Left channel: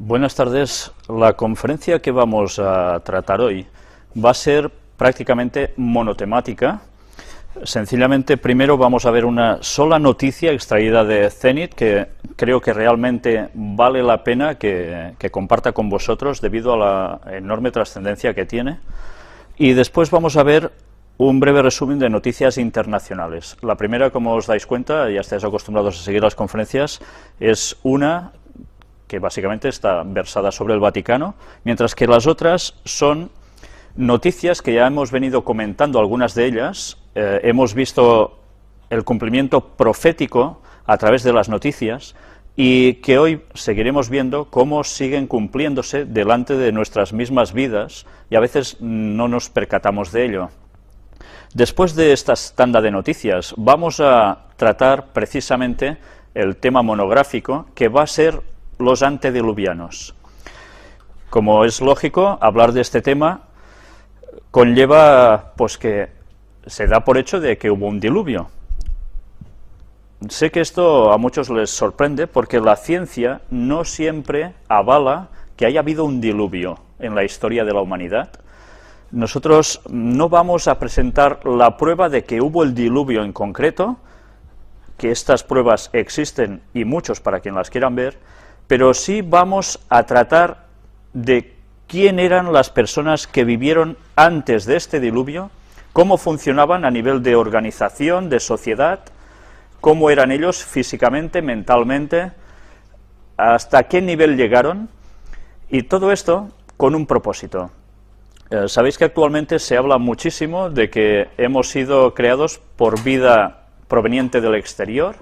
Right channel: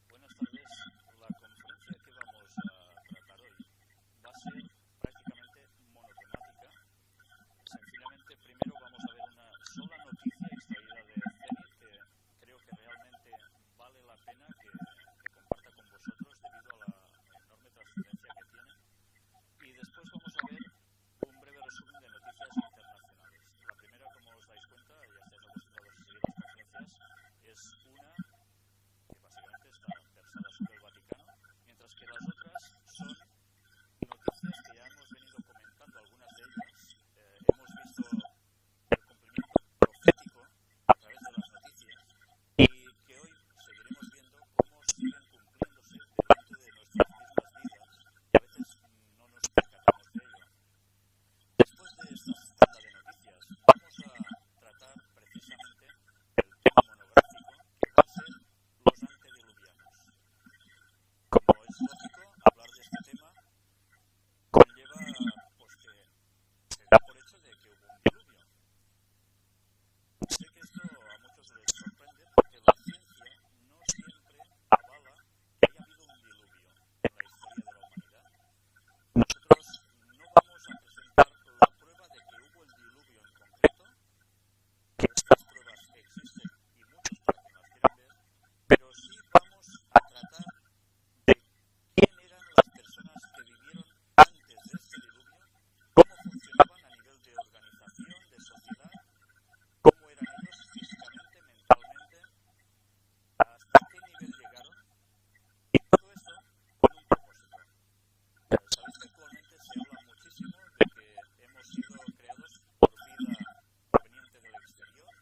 Buenas tardes. La conferencia que vamos a tratar hoy va a ser prácticamente monotemática. Sencillamente, primero vamos a ver una sola noticia extraída de Zenit que creo que realmente vale la pena que comparta con vosotros debido a la enorme trascendencia que tiene. Y después vamos a ver un breve resumen de noticias internacionales. La primera, como os dais cuenta, ya estáis acostumbrados a seguir las conferencias, es una que básicamente está versada sobre el Vaticano, mientras que las otras son noticias que ya hemos venido comentando, algunas de ellas. Hemos visto el cumplimiento profético a través de las noticias y que hoy seguiremos viendo cómo siguen cumpliéndose delante de nuestras mismas vidas y a veces no nos percatamos de ello. Después de esta tanda de noticias vamos a tratar precisamente el tema monográfico que va a ser los antediluvianos. Como es lógico, hablar de este tema conlleva pues que se da por hecho de que hubo un diluvio. Sé que esto a muchos les sorprende porque la ciencia no siempre avala que haya habido un diluvio en la historia de la humanidad. Nosotros no vamos a presentar la prueba de que hubo el diluvio en concreto, que estas pruebas existen y muchos para quien las quieran ver, pero sí vamos a tratar de quién eran las personas que vivieron antes de este diluvio, cómo funcionaban a nivel de organización, de sociedad, cómo eran ellos físicamente, mentalmente, hasta qué nivel llegaron, y todo esto con un propósito. Sabéis que actualmente se habla muchísimo de que hemos sido creados por vida proveniente del exterior,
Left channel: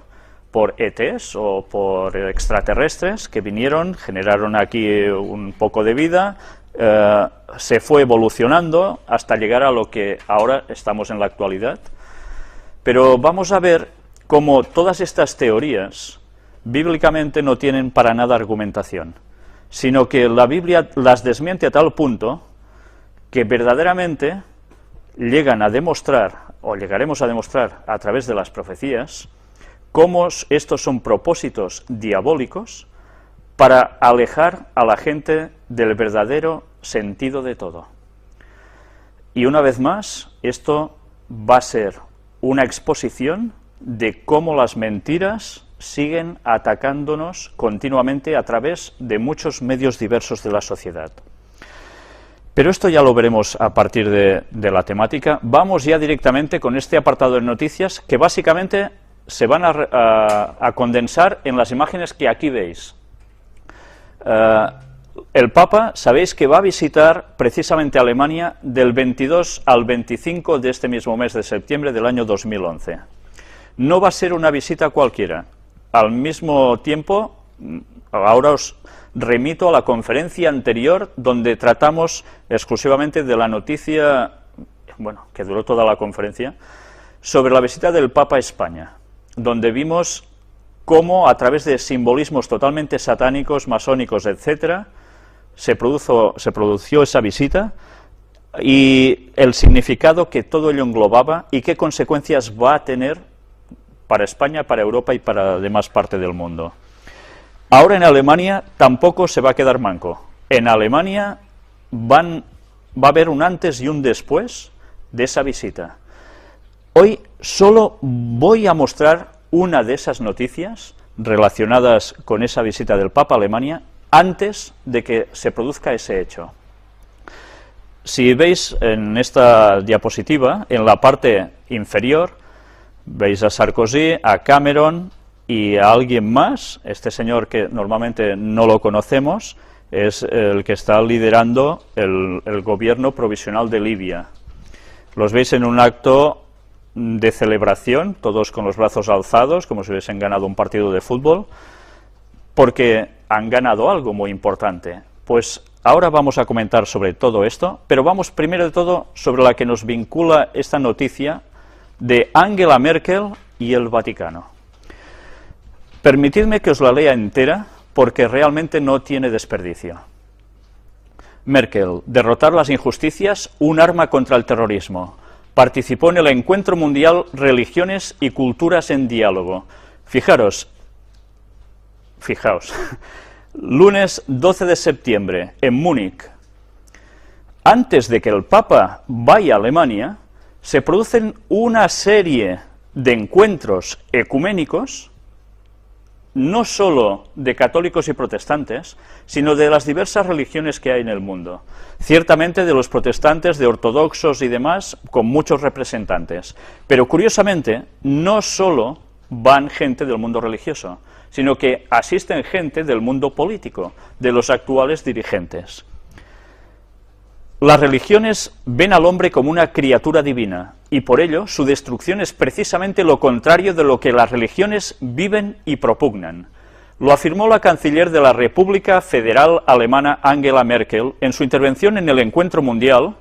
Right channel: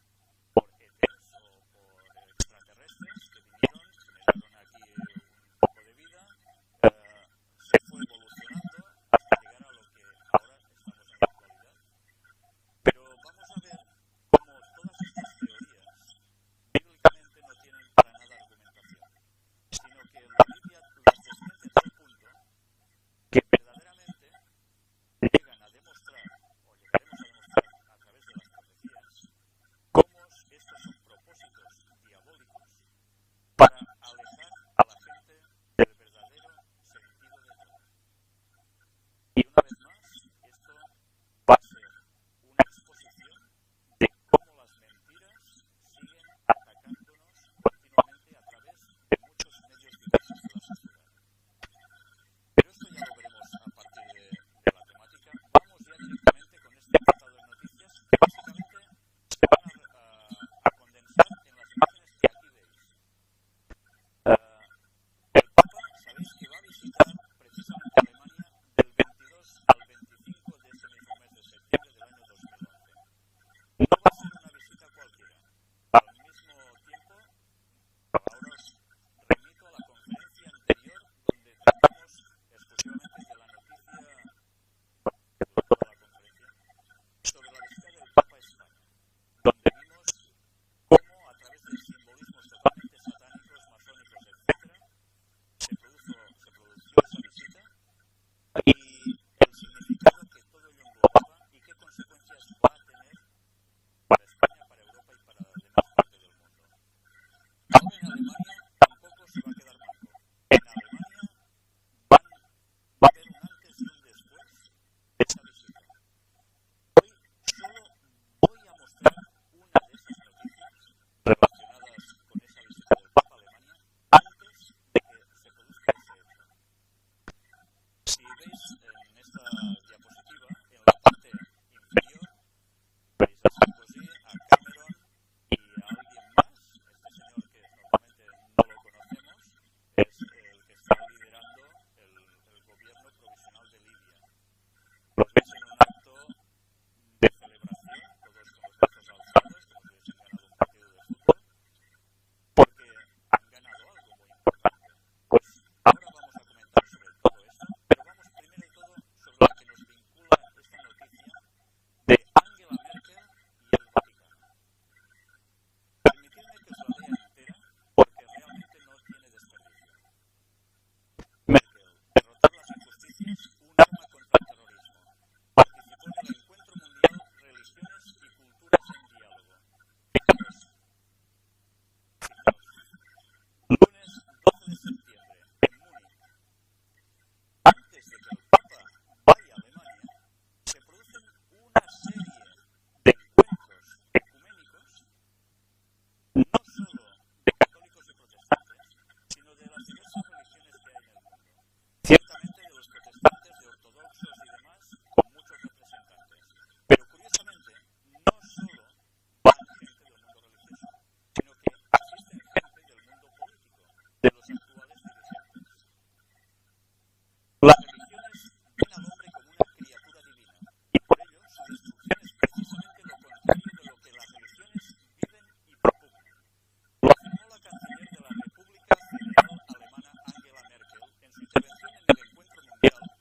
por ETs o por extraterrestres que vinieron, generaron aquí un poco de vida, se fue evolucionando hasta llegar a lo que ahora estamos en la actualidad. Pero vamos a ver cómo todas estas teorías bíblicamente no tienen para nada argumentación, sino que la Biblia las desmiente a tal punto que verdaderamente llegan a demostrar, o llegaremos a demostrar a través de las profecías, cómo estos son propósitos diabólicos para alejar a la gente del verdadero sentido de todo. Y una vez más, esto va a ser una exposición de cómo las mentiras siguen atacándonos continuamente a través de muchos medios diversos de la sociedad. Pero esto ya lo veremos a partir de la temática. Vamos ya directamente con este apartado de noticias que básicamente se van a condensar en las imágenes que aquí veis. El Papa, sabéis que va a visitar precisamente Alemania del 22 al 25 de este mismo mes de septiembre del año 2011. No va a ser una visita cualquiera. Al mismo tiempo, ahora os remito a la conferencia anterior donde tratamos exclusivamente de la noticia, bueno, que duró toda la conferencia, sobre la visita del Papa a España, donde vimos cómo a través de simbolismos totalmente satánicos, masónicos, etcétera, se produjo esa visita y el significado que todo ello englobaba y qué consecuencias va a tener para España, para Europa y para la demás parte del mundo. Ahora en Alemania tampoco se va a quedar manco. En Alemania va a haber un antes y un después de esa visita. Hoy solo voy a mostrar una de esas noticias relacionadas con esa visita del Papa a Alemania antes de que se produzca ese hecho. Si veis en esta diapositiva, en la parte inferior, veis a Sarkozy, a Cameron y a alguien más. Este señor que normalmente no lo conocemos es el que está liderando el gobierno provisional de Libia. Los veis en un acto de celebración, todos con los brazos alzados, como si hubiesen ganado un partido de fútbol, porque han ganado algo muy importante. Pues ahora vamos a comentar sobre todo esto, pero vamos primero de todo sobre la que nos vincula esta noticia de Angela Merkel y el Vaticano. Permitidme que os la lea entera, porque realmente no tiene desperdicio. Merkel, derrotar las injusticias, un arma contra el terrorismo. Participó en el Encuentro Mundial Religiones y Culturas en Diálogo. Fijaos, Lunes 12 de septiembre, en Múnich. Antes de que el Papa vaya a Alemania, se producen una serie de encuentros ecuménicos, no solo de católicos y protestantes, sino de las diversas religiones que hay en el mundo. Ciertamente de los protestantes, de ortodoxos y demás, con muchos representantes. Pero curiosamente, no solo van gente del mundo religioso, sino que asisten gente del mundo político, de los actuales dirigentes. Las religiones ven al hombre como una criatura divina, y por ello su destrucción es precisamente lo contrario de lo que las religiones viven y propugnan. Lo afirmó la canciller de la República Federal Alemana Angela Merkel en su intervención en el Encuentro Mundial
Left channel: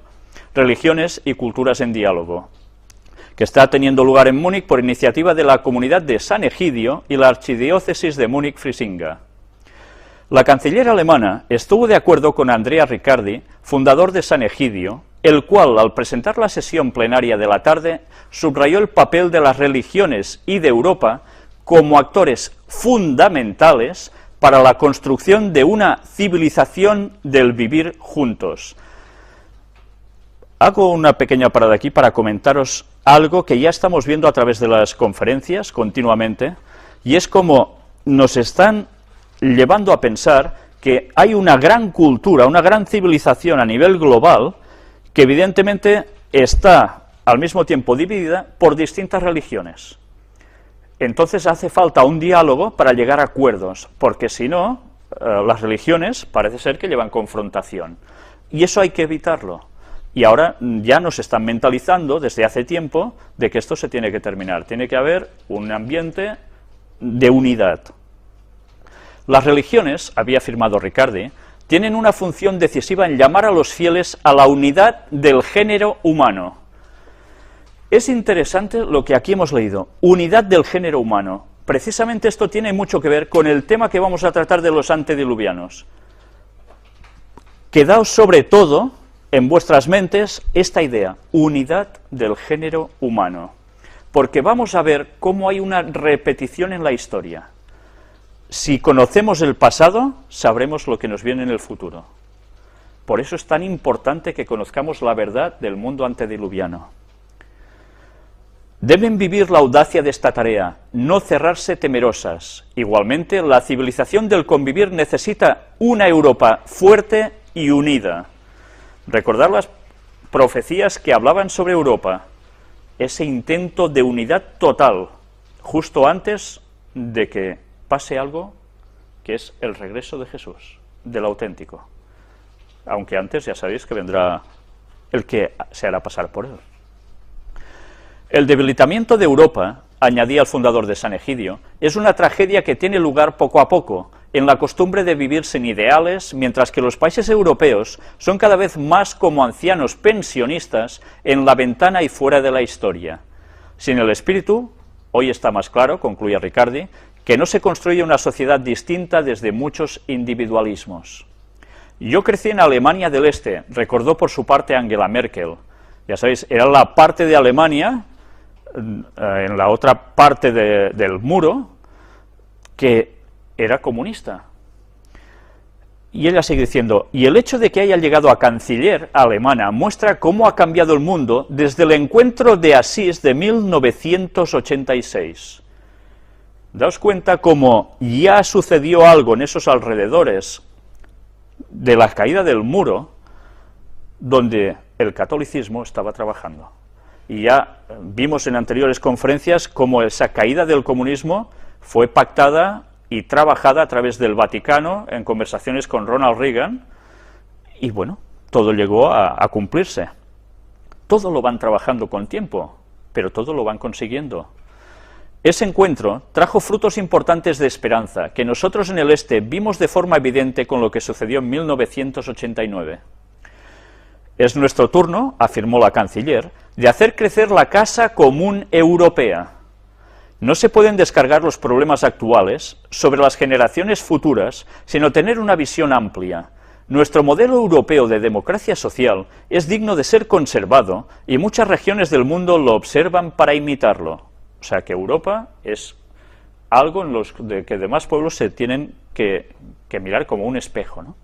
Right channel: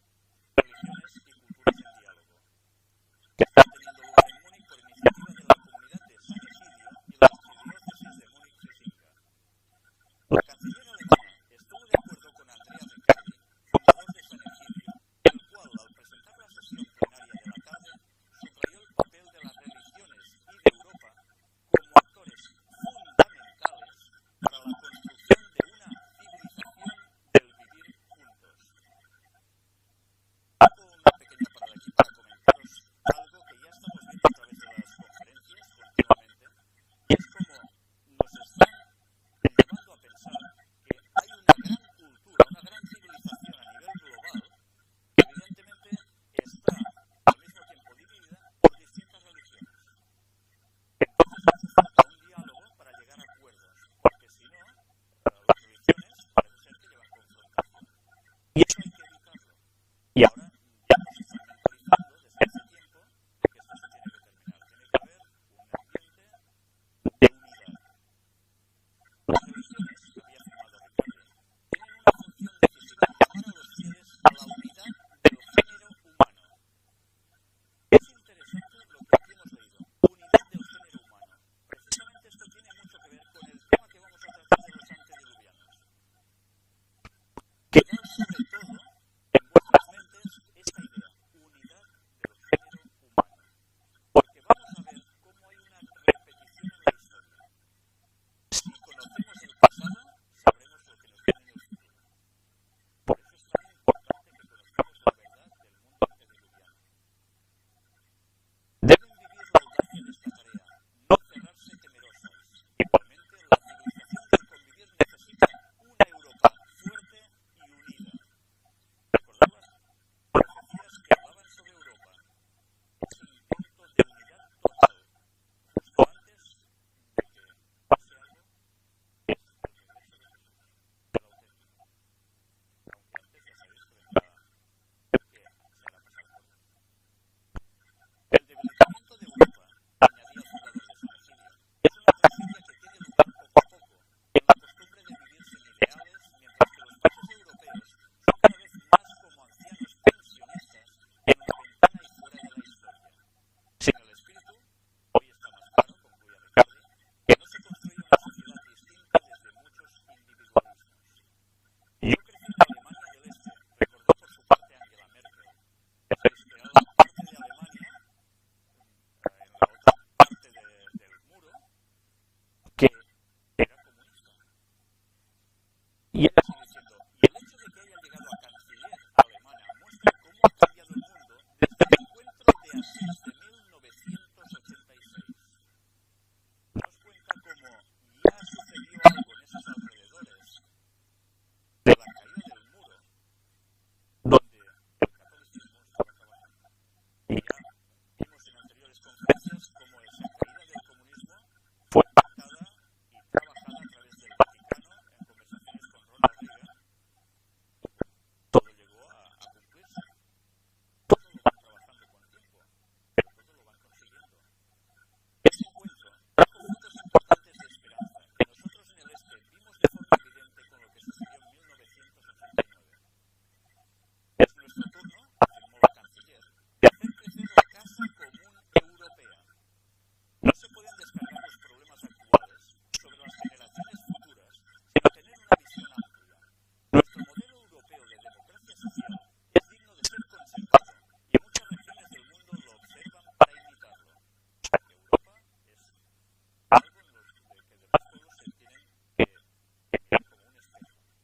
Religiones y Culturas en Diálogo, que está teniendo lugar en Múnich por iniciativa de la comunidad de San Egidio y la archidiócesis de Múnich-Frisinga. La canciller alemana estuvo de acuerdo con Andrea Riccardi, fundador de San Egidio, el cual, al presentar la sesión plenaria de la tarde, subrayó el papel de las religiones y de Europa como actores fundamentales para la construcción de una civilización del vivir juntos. Hago una pequeña parada aquí para comentaros algo que ya estamos viendo a través de las conferencias continuamente, y es como nos están llevando a pensar que hay una gran cultura, una gran civilización a nivel global, que evidentemente está al mismo tiempo dividida por distintas religiones. Entonces hace falta un diálogo para llegar a acuerdos, porque si no, las religiones parece ser que llevan confrontación, y eso hay que evitarlo. Y ahora ya nos están mentalizando desde hace tiempo de que esto se tiene que terminar, tiene que haber un ambiente de unidad. Las religiones, había afirmado Riccardi, tienen una función decisiva en llamar a los fieles a la unidad del género humano. Es interesante lo que aquí hemos leído, unidad del género humano. Precisamente esto tiene mucho que ver con el tema que vamos a tratar de los antediluvianos. Quedaos sobre todo en vuestras mentes esta idea, unidad del género humano, porque vamos a ver cómo hay una repetición en la historia. Si conocemos el pasado, sabremos lo que nos viene en el futuro. Por eso es tan importante que conozcamos la verdad del mundo antediluviano. Deben vivir la audacia de esta tarea, no cerrarse temerosas. Igualmente, la civilización del convivir necesita una Europa fuerte y unida. Recordar las profecías que hablaban sobre Europa, ese intento de unidad total, justo antes de que pase algo que es el regreso de Jesús, del auténtico. Aunque antes ya sabéis que vendrá el que se hará pasar por él. El debilitamiento de Europa, añadía el fundador de San Egidio, es una tragedia que tiene lugar poco a poco, en la costumbre de vivir sin ideales, mientras que los países europeos son cada vez más como ancianos pensionistas en la ventana y fuera de la historia. Sin el espíritu, hoy está más claro, concluye Riccardi, que no se construye una sociedad distinta desde muchos individualismos. Yo crecí en Alemania del Este, recordó por su parte Angela Merkel. Ya sabéis, era la parte de Alemania, en la otra parte del muro, que era comunista. Y ella sigue diciendo, y el hecho de que haya llegado a canciller alemana muestra cómo ha cambiado el mundo desde el encuentro de Asís de 1986. Daos cuenta cómo ya sucedió algo en esos alrededores de la caída del muro, donde el catolicismo estaba trabajando. Y ya vimos en anteriores conferencias cómo esa caída del comunismo fue pactada y trabajada a través del Vaticano en conversaciones con Ronald Reagan, y bueno, todo llegó a cumplirse. Todo lo van trabajando con tiempo, pero todo lo van consiguiendo. Ese encuentro trajo frutos importantes de esperanza, que nosotros en el Este vimos de forma evidente con lo que sucedió en 1989. Es nuestro turno, afirmó la canciller, de hacer crecer la casa común europea. No se pueden descargar los problemas actuales sobre las generaciones futuras, sino tener una visión amplia. Nuestro modelo europeo de democracia social es digno de ser conservado y muchas regiones del mundo lo observan para imitarlo. O sea que Europa es algo en los que demás pueblos se tienen que que mirar como un espejo, ¿no?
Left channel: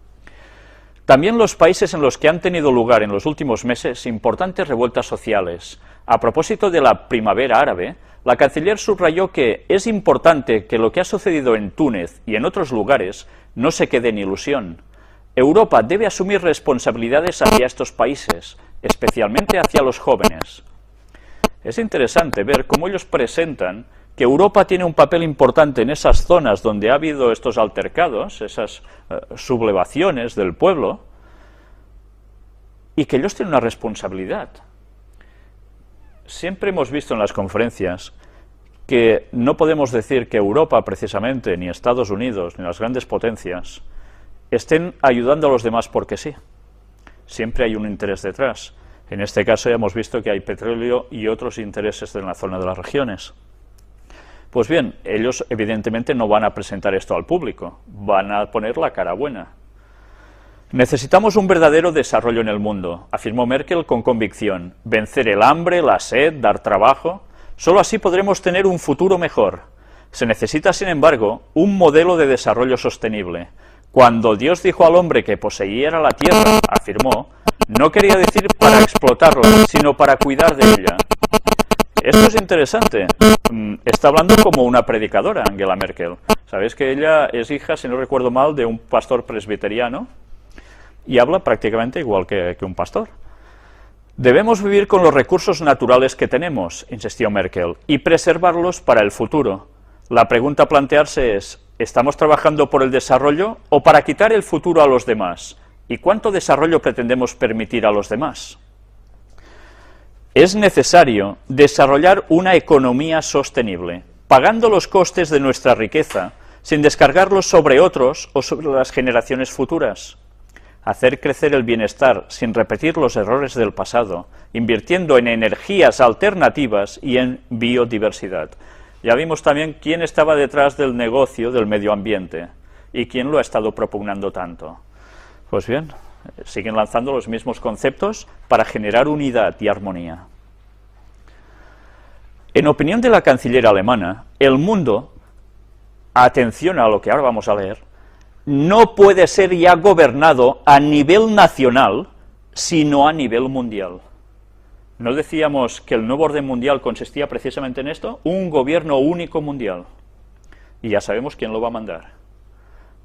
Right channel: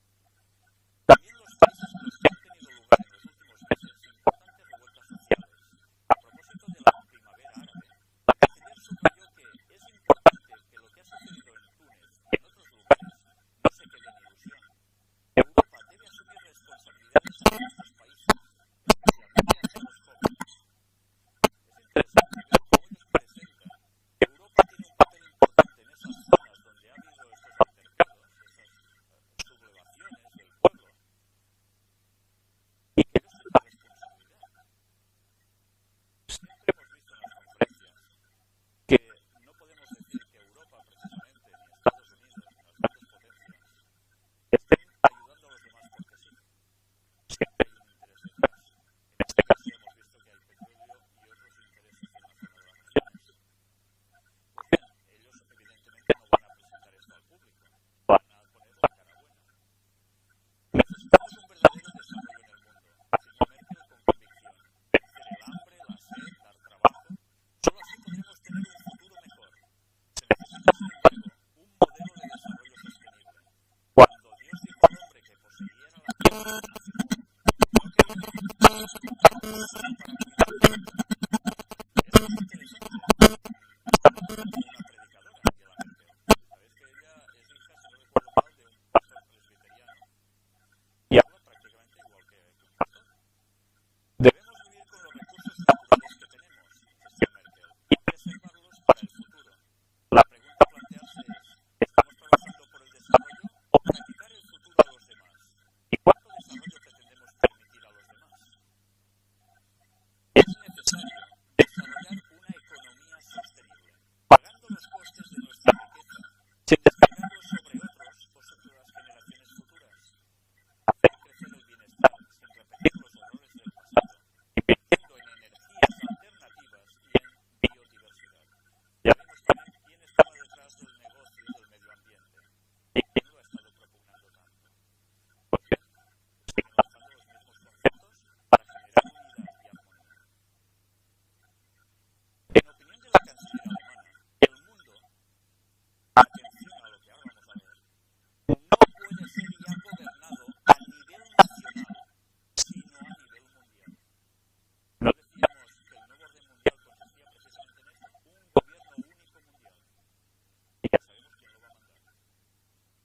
También los países en los que han tenido lugar en los últimos meses importantes revueltas sociales. A propósito de la primavera árabe, la canciller subrayó que es importante que lo que ha sucedido en Túnez y en otros lugares no se quede en ilusión. Europa debe asumir responsabilidades hacia estos países, especialmente hacia los jóvenes. Es interesante ver cómo ellos presentan que Europa tiene un papel importante en esas zonas donde ha habido estos altercados, esas sublevaciones del pueblo, y que ellos tienen una responsabilidad. Siempre hemos visto en las conferencias que no podemos decir que Europa, precisamente, ni Estados Unidos, ni las grandes potencias, estén ayudando a los demás porque sí. Siempre hay un interés detrás. En este caso ya hemos visto que hay petróleo y otros intereses en la zona de las regiones. Pues bien, ellos evidentemente no van a presentar esto al público, van a poner la cara buena. Necesitamos un verdadero desarrollo en el mundo, afirmó Merkel con convicción. Vencer el hambre, la sed, dar trabajo, solo así podremos tener un futuro mejor. Se necesita, sin embargo, un modelo de desarrollo sostenible. Cuando Dios dijo al hombre que poseyera la tierra, afirmó, no quería decir para explotarla, sino para cuidar de ella. Esto es interesante. Está hablando como una predicadora, Angela Merkel. Sabéis que ella es hija, si no recuerdo mal, de un pastor presbiteriano y habla prácticamente igual que un pastor. Debemos vivir con los recursos naturales que tenemos, insistió Merkel, y preservarlos para el futuro. La pregunta a plantearse es, ¿estamos trabajando por el desarrollo o para quitar el futuro a los demás? ¿Y cuánto desarrollo pretendemos permitir a los demás? Es necesario desarrollar una economía sostenible, pagando los costes de nuestra riqueza, sin descargarlos sobre otros o sobre las generaciones futuras. Hacer crecer el bienestar sin repetir los errores del pasado, invirtiendo en energías alternativas y en biodiversidad. Ya vimos también quién estaba detrás del negocio del medio ambiente y quién lo ha estado propugnando tanto. Pues bien, siguen lanzando los mismos conceptos para generar unidad y armonía. En opinión de la canciller alemana, el mundo, atención a lo que ahora vamos a leer, no puede ser ya gobernado a nivel nacional, sino a nivel mundial. ¿No decíamos que el nuevo orden mundial consistía precisamente en esto? Un gobierno único mundial. Y ya sabemos quién lo va a mandar.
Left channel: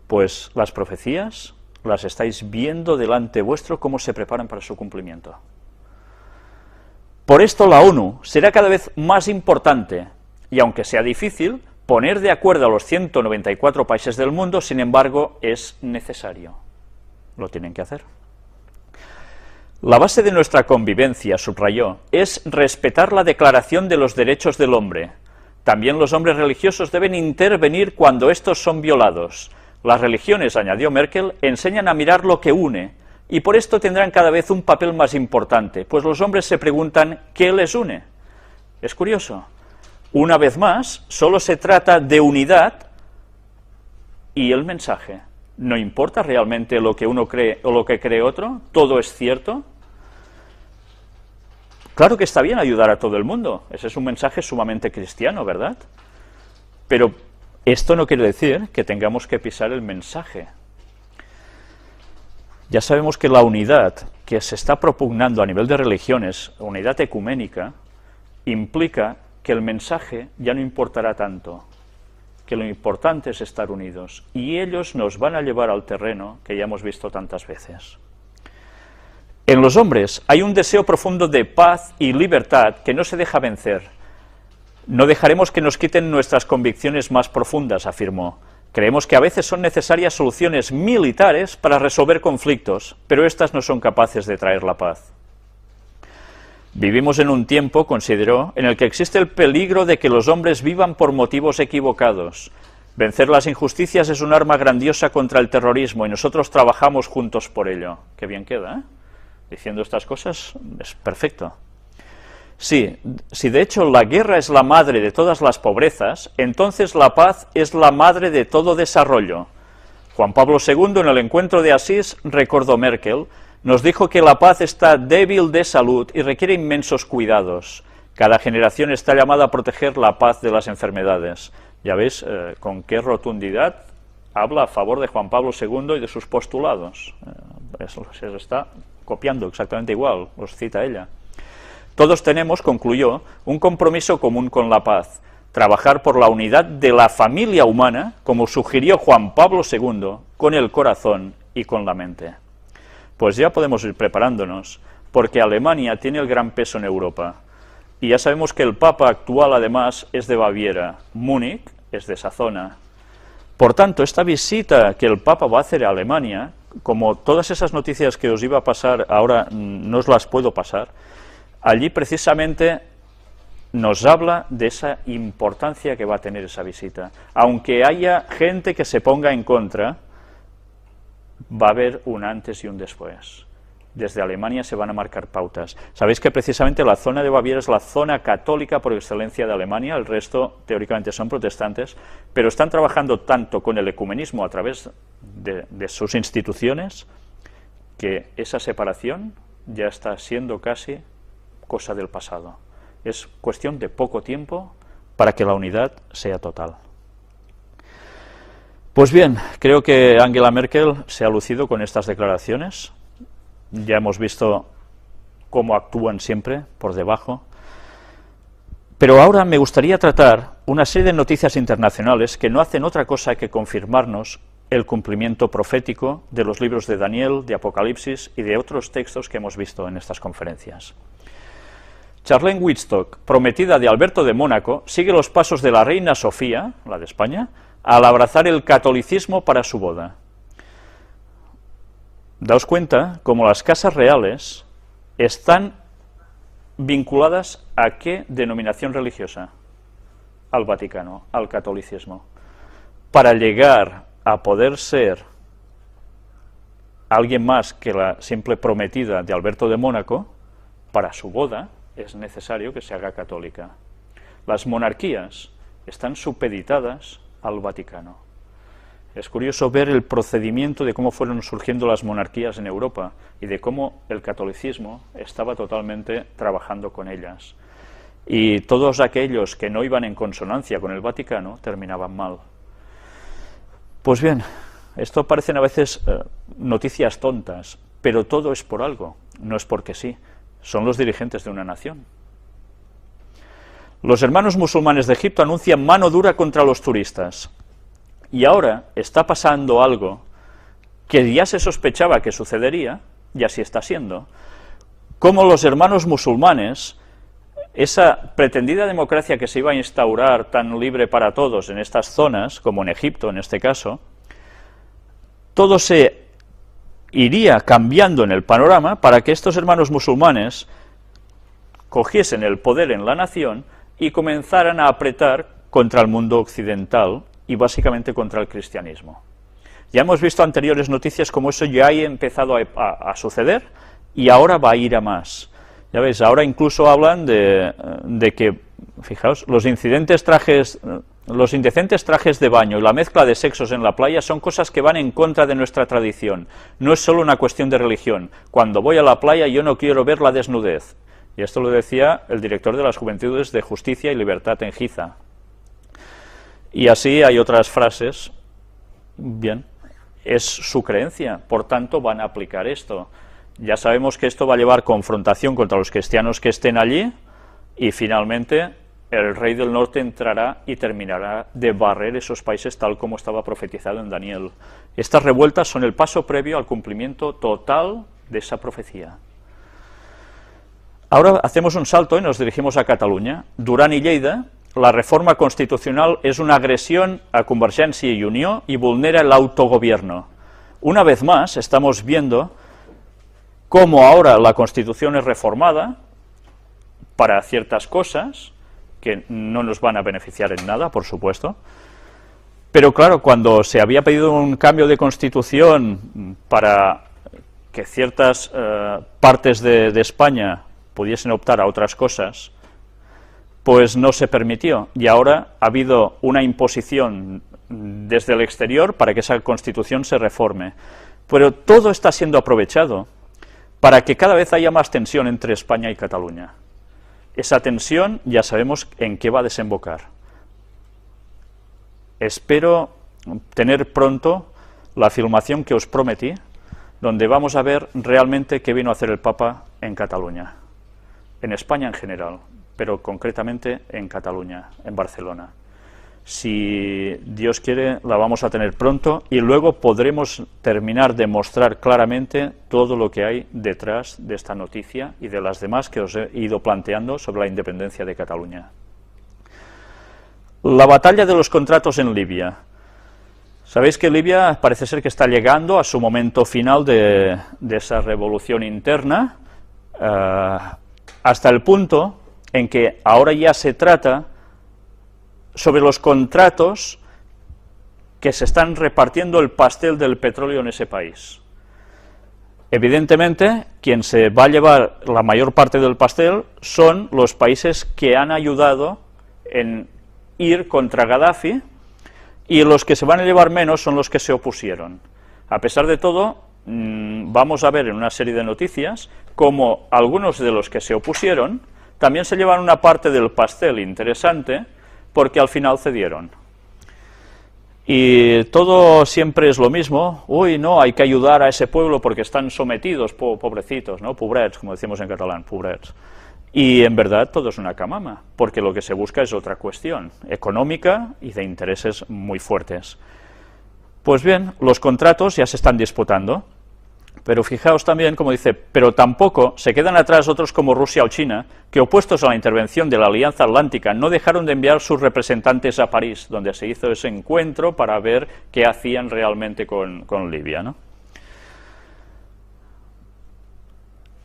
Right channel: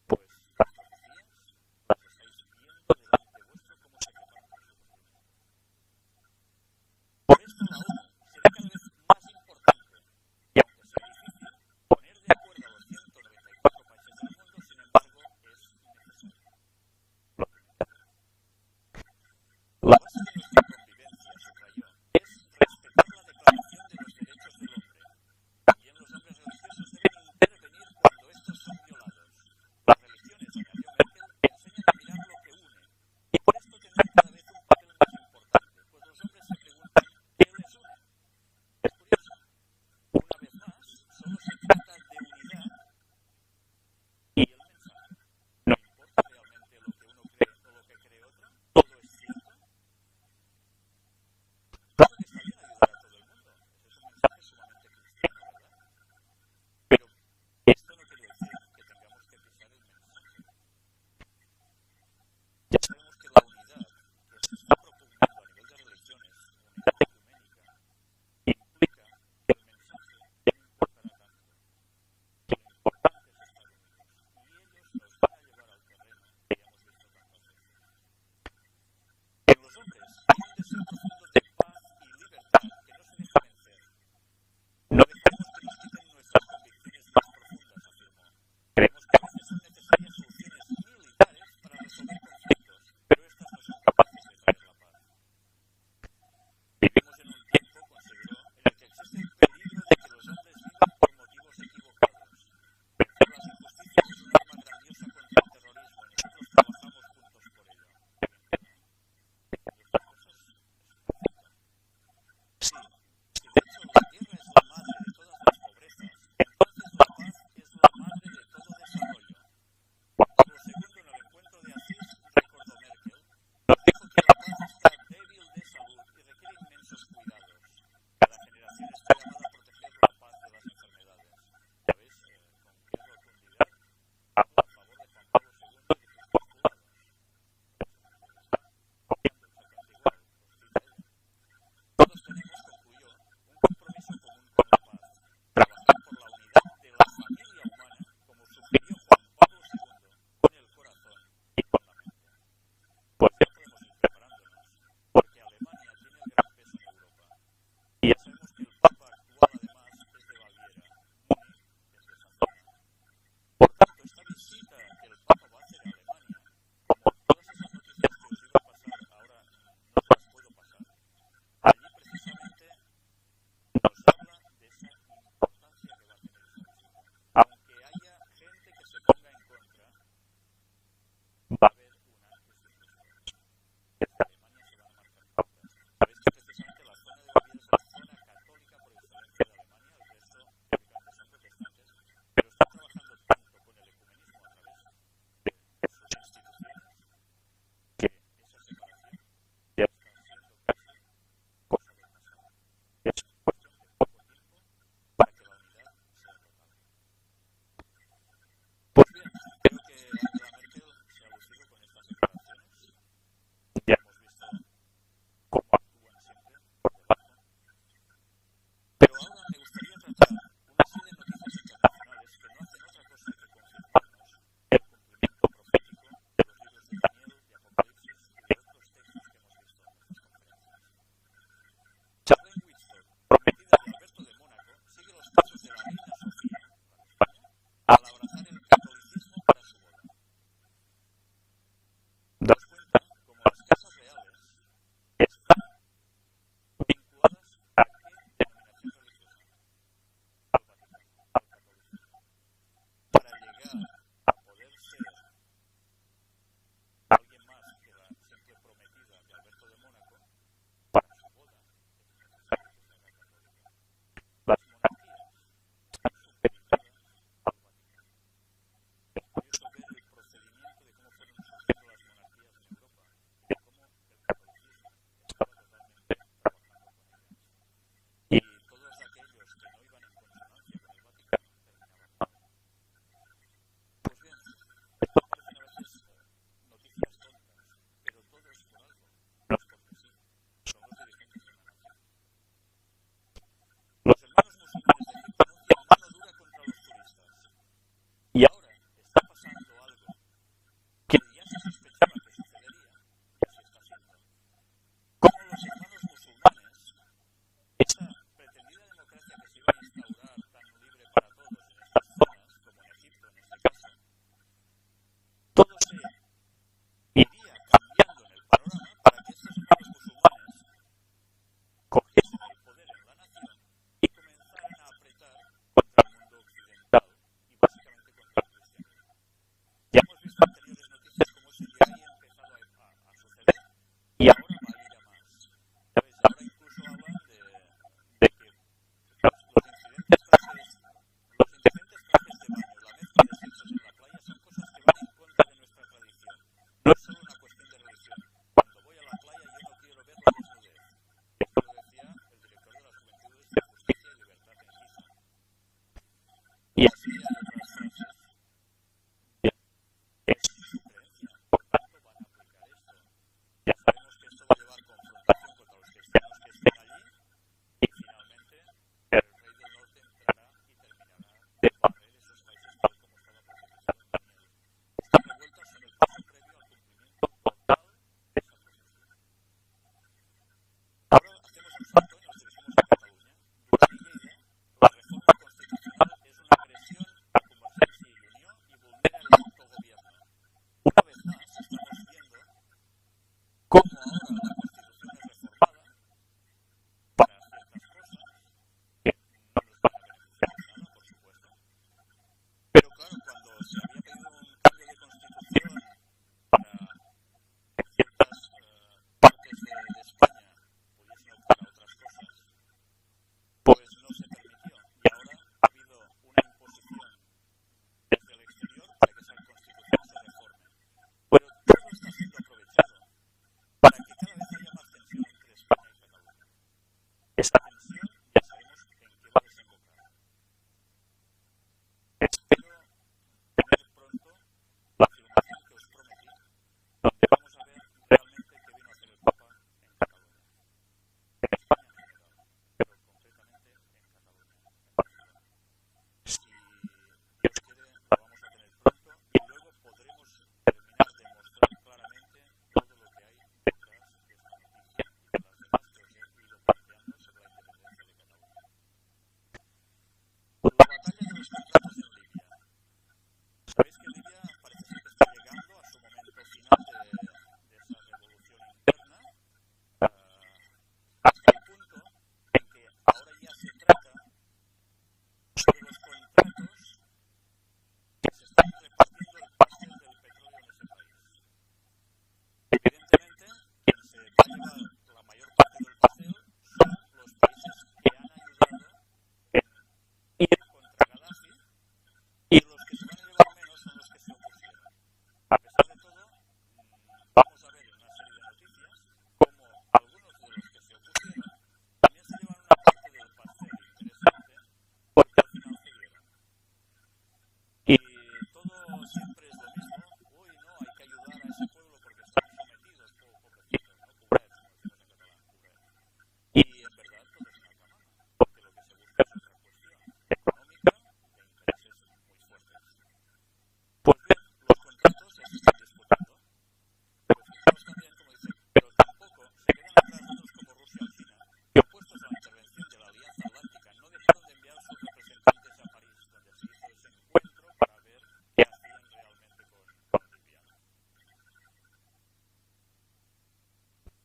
Pues las profecías las estáis viendo delante vuestro cómo se preparan para su cumplimiento. Por esto la ONU será cada vez más importante, y aunque sea difícil, poner de acuerdo a los 194 países del mundo, sin embargo, es necesario. Lo tienen que hacer. La base de nuestra convivencia, subrayó, es respetar la Declaración de los Derechos del Hombre. También los hombres religiosos deben intervenir cuando estos son violados. Las religiones, añadió Merkel, enseñan a mirar lo que une, y por esto tendrán cada vez un papel más importante, pues los hombres se preguntan ¿qué les une? Es curioso. Una vez más, solo se trata de unidad y el mensaje. ¿No importa realmente lo que uno cree o lo que cree otro? ¿Todo es cierto? Claro que está bien ayudar a todo el mundo. Ese es un mensaje sumamente cristiano, ¿verdad? Pero esto no quiere decir que tengamos que pisar el mensaje. Ya sabemos que la unidad que se está propugnando a nivel de religiones, unidad ecuménica, implica que el mensaje ya no importará tanto, que lo importante es estar unidos, y ellos nos van a llevar al terreno que ya hemos visto tantas veces. En los hombres hay un deseo profundo de paz y libertad que no se deja vencer. No dejaremos que nos quiten nuestras convicciones más profundas, afirmó. Creemos que a veces son necesarias soluciones militares para resolver conflictos, pero estas no son capaces de traer la paz. Vivimos en un tiempo, consideró, en el que existe el peligro de que los hombres vivan por motivos equivocados. Vencer las injusticias es un arma grandiosa contra el terrorismo y nosotros trabajamos juntos por ello. Qué bien queda, ¿eh? Diciendo estas cosas es perfecto. Sí, si de hecho la guerra es la madre de todas las pobrezas, entonces la paz es la madre de todo desarrollo. Juan Pablo II, en el encuentro de Asís, recordó Merkel, nos dijo que la paz está débil de salud y requiere inmensos cuidados. Cada generación está llamada a proteger la paz de las enfermedades. Ya veis con qué rotundidad habla a favor de Juan Pablo II y de sus postulados. Eso se está copiando exactamente igual, los cita ella. Todos tenemos, concluyó, un compromiso común con la paz, trabajar por la unidad de la familia humana, como sugirió Juan Pablo II, con el corazón y con la mente. Pues ya podemos ir preparándonos, porque Alemania tiene el gran peso en Europa. Y ya sabemos que el Papa actual, además, es de Baviera, Múnich es de esa zona. Por tanto, esta visita que el Papa va a hacer a Alemania, como todas esas noticias que os iba a pasar, ahora no os las puedo pasar, allí precisamente nos habla de esa importancia que va a tener esa visita. Aunque haya gente que se ponga en contra, va a haber un antes y un después. Desde Alemania se van a marcar pautas. Sabéis que precisamente la zona de Baviera es la zona católica por excelencia de Alemania, el resto teóricamente son protestantes, pero están trabajando tanto con el ecumenismo a través de sus instituciones, que esa separación ya está siendo casi cosa del pasado. Es cuestión de poco tiempo para que la unidad sea total. Pues bien, creo que Angela Merkel se ha lucido con estas declaraciones. Ya hemos visto cómo actúan siempre por debajo. Pero ahora me gustaría tratar una serie de noticias internacionales que no hacen otra cosa que confirmarnos el cumplimiento profético de los libros de Daniel, de Apocalipsis y de otros textos que hemos visto en estas conferencias. Charlene Wittstock, prometida de Alberto de Mónaco, sigue los pasos de la reina Sofía, la de España, al abrazar el catolicismo para su boda. Daos cuenta cómo las casas reales están vinculadas a qué denominación religiosa, al Vaticano, al catolicismo. Para llegar a poder ser alguien más que la simple prometida de Alberto de Mónaco, para su boda es necesario que se haga católica. Las monarquías están supeditadas al Vaticano. Es curioso ver el procedimiento de cómo fueron surgiendo las monarquías en Europa y de cómo el catolicismo estaba totalmente trabajando con ellas. Y todos aquellos que no iban en consonancia con el Vaticano terminaban mal. Pues bien, esto parecen a veces noticias tontas, pero todo es por algo, no es porque sí. Son los dirigentes de una nación. Los hermanos musulmanes de Egipto anuncian mano dura contra los turistas. Y ahora está pasando algo que ya se sospechaba que sucedería, y así está siendo, como los hermanos musulmanes, esa pretendida democracia que se iba a instaurar tan libre para todos en estas zonas, como en Egipto en este caso, todo se iría cambiando en el panorama para que estos hermanos musulmanes cogiesen el poder en la nación y comenzaran a apretar contra el mundo occidental y básicamente contra el cristianismo. Ya hemos visto anteriores noticias como eso ya ha empezado a suceder y ahora va a ir a más. Ya veis, ahora incluso hablan de que, fijaos, los indecentes trajes de baño y la mezcla de sexos en la playa son cosas que van en contra de nuestra tradición. No es solo una cuestión de religión. Cuando voy a la playa yo no quiero ver la desnudez. Y esto lo decía el director de las Juventudes de Justicia y Libertad en Giza. Y así hay otras frases. Bien, es su creencia, por tanto van a aplicar esto. Ya sabemos que esto va a llevar confrontación contra los cristianos que estén allí y finalmente el rey del norte entrará y terminará de barrer esos países tal como estaba profetizado en Daniel. Estas revueltas son el paso previo al cumplimiento total de esa profecía. Ahora hacemos un salto y nos dirigimos a Cataluña. Duran i Lleida, la reforma constitucional es una agresión a Convergència y Unió y vulnera el autogobierno. Una vez más estamos viendo cómo ahora la Constitución es reformada para ciertas cosas que no nos van a beneficiar en nada, por supuesto, pero claro, cuando se había pedido un cambio de Constitución para que ciertas partes de España pudiesen optar a otras cosas, pues no se permitió, y ahora ha habido una imposición desde el exterior para que esa Constitución se reforme. Pero todo está siendo aprovechado para que cada vez haya más tensión entre España y Cataluña. Esa tensión ya sabemos en qué va a desembocar. Espero tener pronto la filmación que os prometí, donde vamos a ver realmente qué vino a hacer el Papa en Cataluña, en España en general, pero concretamente en Cataluña, en Barcelona. Si Dios quiere, la vamos a tener pronto y luego podremos terminar de mostrar claramente todo lo que hay detrás de esta noticia y de las demás que os he ido planteando sobre la independencia de Cataluña. La batalla de los contratos en Libia. Sabéis que Libia parece ser que está llegando a su momento final de esa revolución interna, hasta el punto en que ahora ya se trata sobre los contratos que se están repartiendo el pastel del petróleo en ese país. Evidentemente, quien se va a llevar la mayor parte del pastel son los países que han ayudado en ir contra Gaddafi, y los que se van a llevar menos son los que se opusieron. A pesar de todo, vamos a ver en una serie de noticias cómo algunos de los que se opusieron también se llevan una parte del pastel interesante, porque al final cedieron. Y todo siempre es lo mismo. Uy, no, hay que ayudar a ese pueblo porque están sometidos, pobrecitos, ¿no? Pobrets, como decimos en catalán, pobrets. Y en verdad todo es una camama, porque lo que se busca es otra cuestión, económica y de intereses muy fuertes. Pues bien, los contratos ya se están disputando, pero fijaos también, como dice, pero tampoco se quedan atrás otros como Rusia o China, que opuestos a la intervención de la Alianza Atlántica no dejaron de enviar sus representantes a París, donde se hizo ese encuentro para ver qué hacían realmente con Libia, ¿no?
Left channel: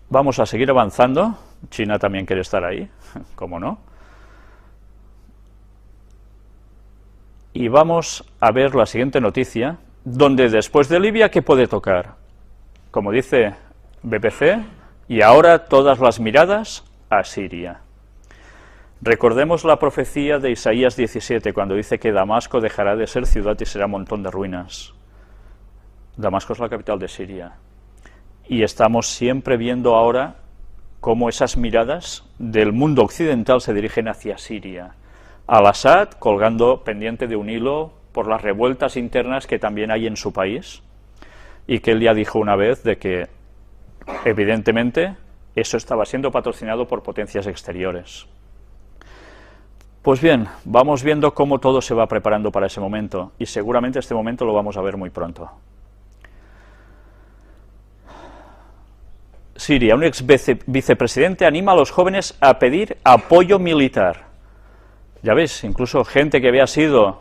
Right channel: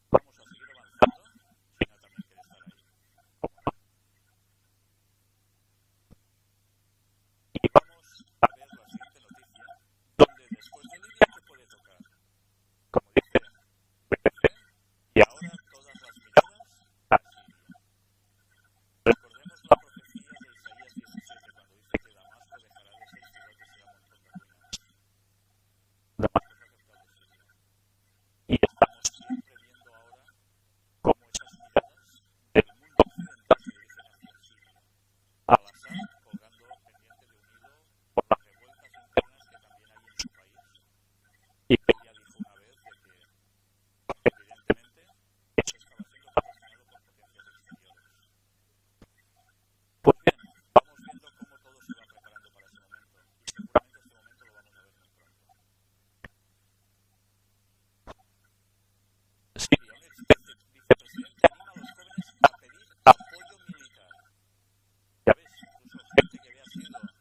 Vamos a seguir avanzando. China también quiere estar ahí, ¿cómo no? Y vamos a ver la siguiente noticia, donde después de Libia, ¿qué puede tocar? Como dice BBC, y ahora todas las miradas a Siria. Recordemos la profecía de Isaías 17, cuando dice que Damasco dejará de ser ciudad y será un montón de ruinas. Damasco es la capital de Siria. Y estamos siempre viendo ahora cómo esas miradas del mundo occidental se dirigen hacia Siria. Al-Assad colgando pendiente de un hilo por las revueltas internas que también hay en su país, y que él ya dijo una vez de que, evidentemente, eso estaba siendo patrocinado por potencias exteriores. Pues bien, vamos viendo cómo todo se va preparando para ese momento, y seguramente este momento lo vamos a ver muy pronto. Siria, un ex vicepresidente anima a los jóvenes a pedir apoyo militar. Ya veis, incluso gente que había sido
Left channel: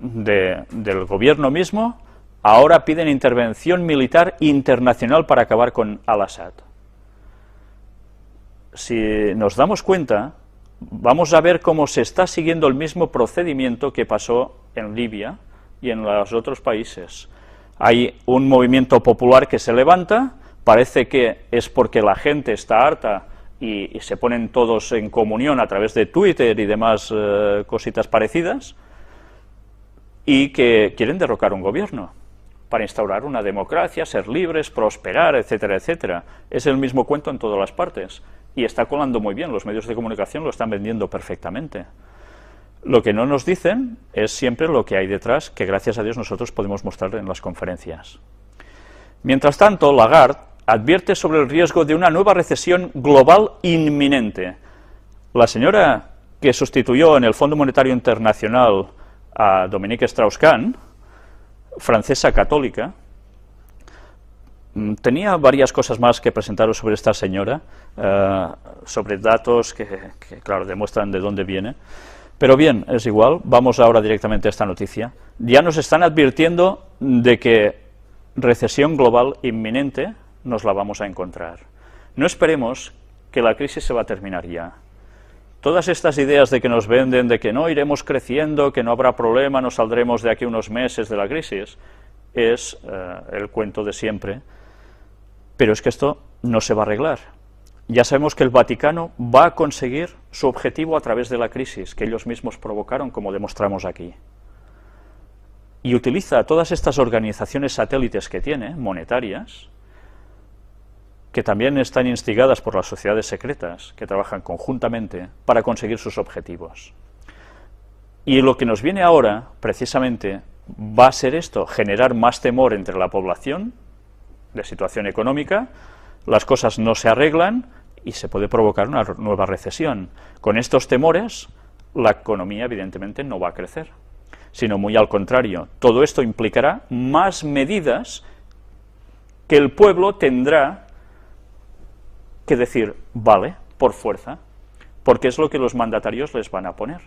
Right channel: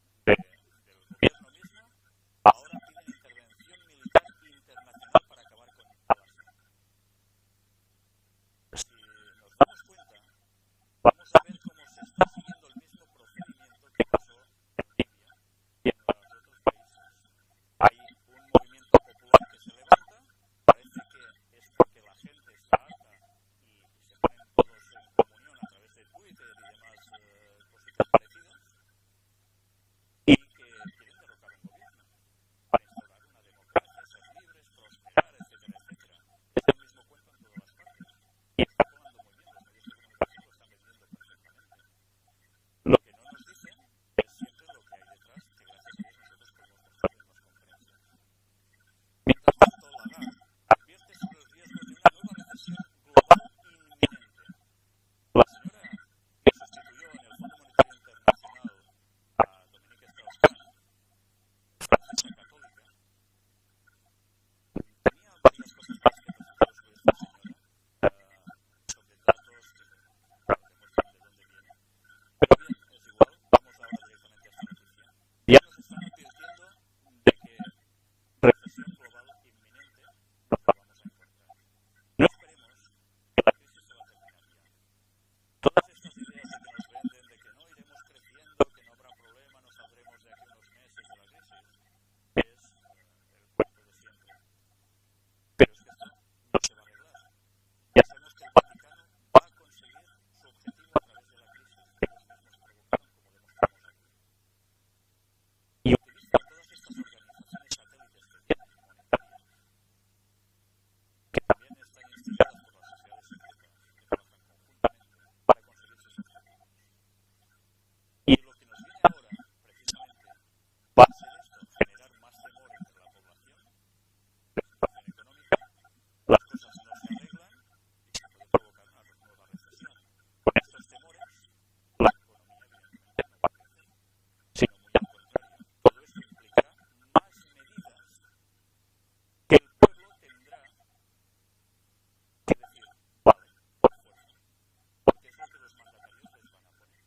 del gobierno mismo, ahora piden intervención militar internacional para acabar con Al-Assad. Si nos damos cuenta, vamos a ver cómo se está siguiendo el mismo procedimiento que pasó en Libia y en los otros países. Hay un movimiento popular que se levanta, parece que es porque la gente está harta y se ponen todos en comunión a través de Twitter y demás cositas parecidas, y que quieren derrocar un gobierno para instaurar una democracia, ser libres, prosperar, etcétera, etcétera. Es el mismo cuento en todas las partes, y está colando muy bien, los medios de comunicación lo están vendiendo perfectamente. Lo que no nos dicen es siempre lo que hay detrás, que gracias a Dios nosotros podemos mostrar en las conferencias. Mientras tanto, Lagarde advierte sobre el riesgo de una nueva recesión global inminente. La señora que sustituyó en el Fondo Monetario Internacional a Dominique Strauss-Kahn, francesa católica, tenía varias cosas más que presentaros sobre esta señora, sobre datos que, claro, demuestran de dónde viene. Pero bien, es igual, vamos ahora directamente a esta noticia. Ya nos están advirtiendo de que recesión global inminente nos la vamos a encontrar. No esperemos que la crisis se va a terminar ya. Todas estas ideas de que nos venden, de que no iremos creciendo, que no habrá problema, nos saldremos de aquí unos meses de la crisis, es el cuento de siempre. Pero es que esto no se va a arreglar. Ya sabemos que el Vaticano va a conseguir su objetivo a través de la crisis que ellos mismos provocaron, como demostramos aquí. Y utiliza todas estas organizaciones satélites que tiene, monetarias, que también están instigadas por las sociedades secretas, que trabajan conjuntamente para conseguir sus objetivos. Y lo que nos viene ahora, precisamente, va a ser esto, generar más temor entre la población, de situación económica, las cosas no se arreglan y se puede provocar una nueva recesión. Con estos temores, la economía evidentemente no va a crecer, sino muy al contrario. Todo esto implicará más medidas que el pueblo tendrá que decir, vale, por fuerza, porque es lo que los mandatarios les van a poner.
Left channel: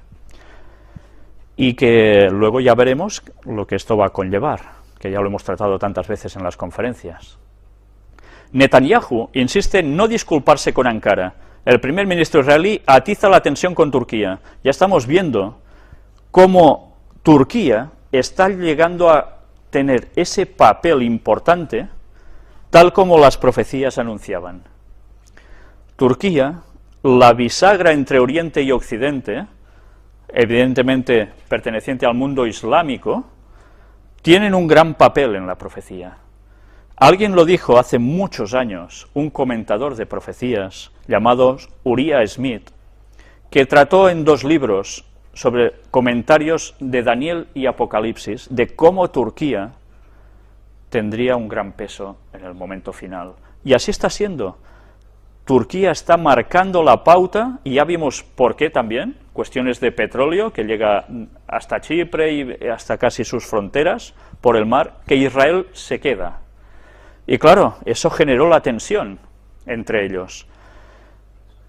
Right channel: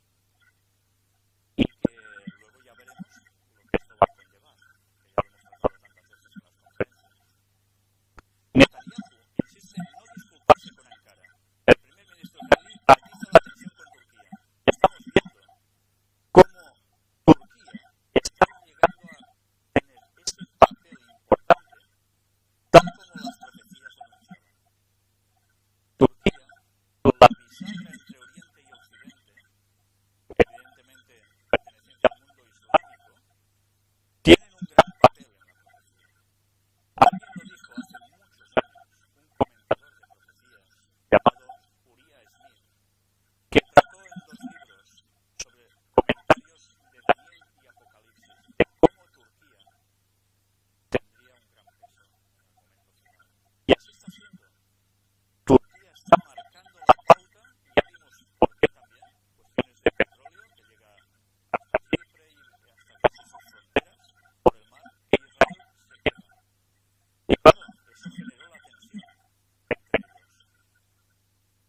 Y que luego ya veremos lo que esto va a conllevar, que ya lo hemos tratado tantas veces en las conferencias. Netanyahu insiste en no disculparse con Ankara. El primer ministro israelí atiza la tensión con Turquía. Ya estamos viendo cómo Turquía está llegando a tener ese papel importante, tal como las profecías anunciaban. Turquía, la bisagra entre Oriente y Occidente, evidentemente perteneciente al mundo islámico, tienen un gran papel en la profecía. Alguien lo dijo hace muchos años, un comentador de profecías llamado Uriah Smith, que trató en 2 libros sobre comentarios de Daniel y Apocalipsis, de cómo Turquía tendría un gran peso en el momento final. Y así está siendo. Turquía está marcando la pauta, y ya vimos por qué también, cuestiones de petróleo que llega hasta Chipre y hasta casi sus fronteras por el mar, que Israel se queda. Y claro, eso generó la tensión entre ellos.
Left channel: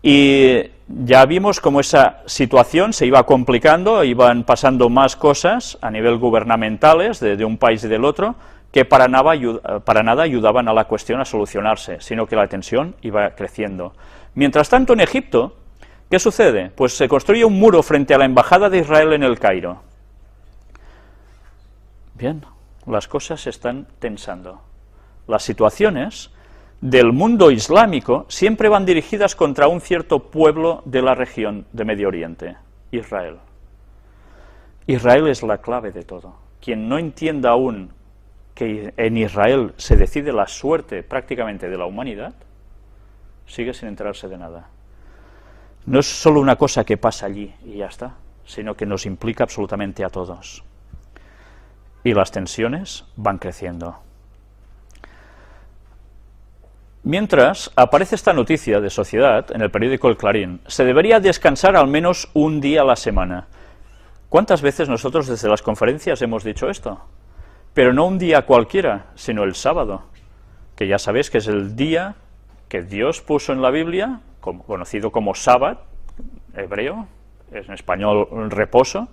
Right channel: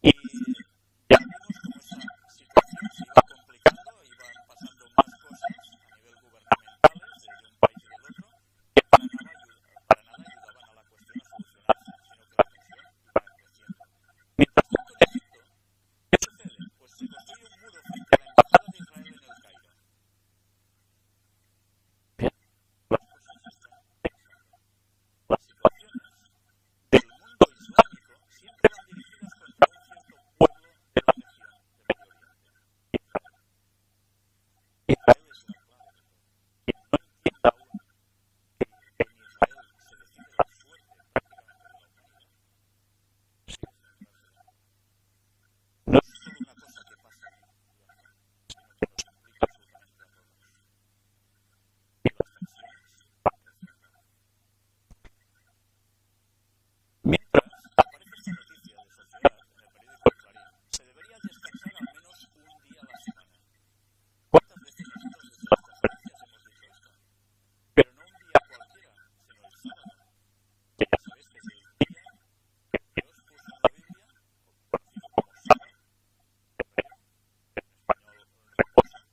Y ya vimos cómo esa situación se iba complicando, iban pasando más cosas a nivel gubernamentales de un país y del otro, que para nada ayudaban a la cuestión a solucionarse, sino que la tensión iba creciendo. Mientras tanto, en Egipto, ¿qué sucede? Pues se construye un muro frente a la embajada de Israel en el Cairo. Bien, las cosas se están tensando. Las situaciones del mundo islámico siempre van dirigidas contra un cierto pueblo de la región de Medio Oriente, Israel. Israel es la clave de todo. Quien no entienda aún que en Israel se decide la suerte prácticamente de la humanidad, sigue sin enterarse de nada. No es solo una cosa que pasa allí y ya está, sino que nos implica absolutamente a todos. Y las tensiones van creciendo. Mientras aparece esta noticia de Sociedad en el periódico El Clarín, se debería descansar al menos un día a la semana. ¿Cuántas veces nosotros desde las conferencias hemos dicho esto? Pero no un día cualquiera, sino el sábado, que ya sabéis que es el día que Dios puso en la Biblia, conocido como Sabbat, hebreo, en español reposo,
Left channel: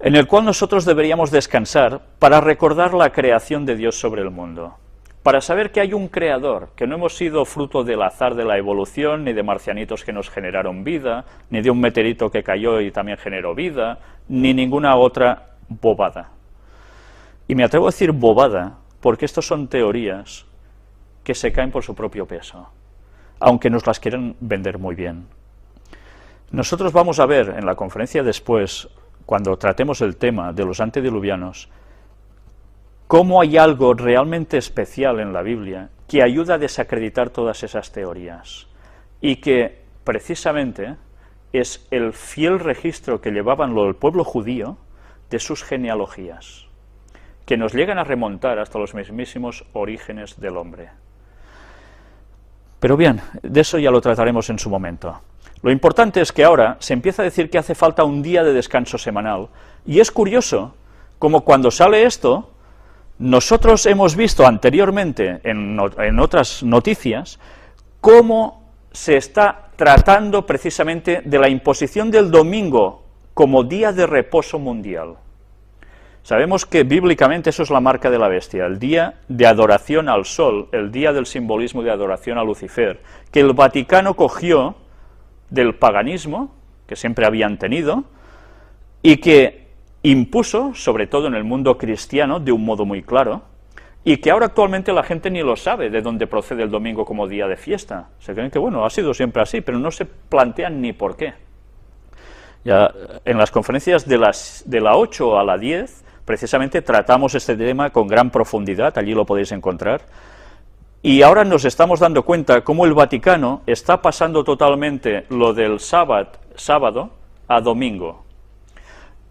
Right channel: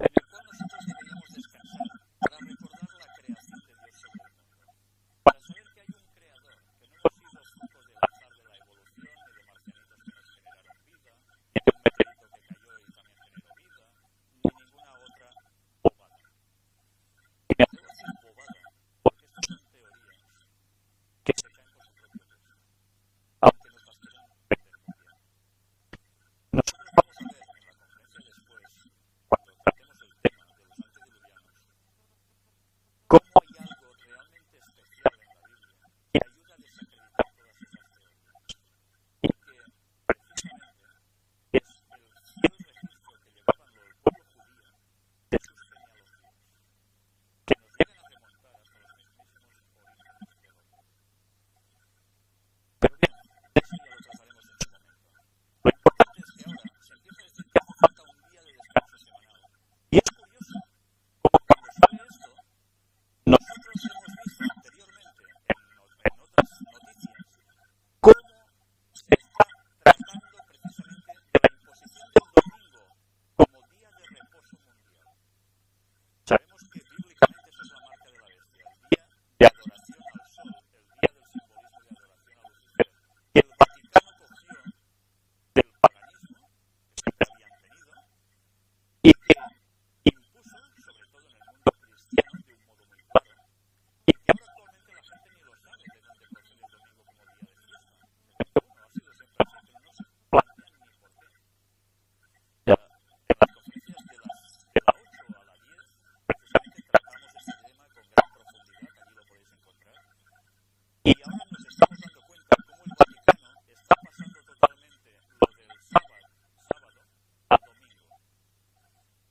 en el cual nosotros deberíamos descansar para recordar la creación de Dios sobre el mundo, para saber que hay un creador, que no hemos sido fruto del azar de la evolución, ni de marcianitos que nos generaron vida, ni de un meteorito que cayó y también generó vida, ni ninguna otra bobada. Y me atrevo a decir bobada, porque estas son teorías que se caen por su propio peso, aunque nos las quieren vender muy bien. Nosotros vamos a ver en la conferencia después, cuando tratemos el tema de los antediluvianos, cómo hay algo realmente especial en la Biblia que ayuda a desacreditar todas esas teorías, y que precisamente es el fiel registro que llevaban el pueblo judío de sus genealogías, que nos llegan a remontar hasta los mismísimos orígenes del hombre. Pero bien, de eso ya lo trataremos en su momento. Lo importante es que ahora se empieza a decir que hace falta un día de descanso semanal, y es curioso, como cuando sale esto, nosotros hemos visto anteriormente en otras noticias, cómo se está tratando precisamente de la imposición del domingo como día de reposo mundial. Sabemos que bíblicamente eso es la marca de la bestia, el día de adoración al sol, el día del simbolismo de adoración a Lucifer, que el Vaticano cogió del paganismo, que siempre habían tenido, y que impuso, sobre todo en el mundo cristiano, de un modo muy claro, y que ahora actualmente la gente ni lo sabe de dónde procede el domingo como día de fiesta. Se creen que, bueno, ha sido siempre así, pero no se plantean ni por qué. Ya en las conferencias de la 8 a la 10, precisamente tratamos este tema con gran profundidad, allí lo podéis encontrar, y ahora nos estamos dando cuenta cómo el Vaticano está pasando totalmente lo del sábado a domingo.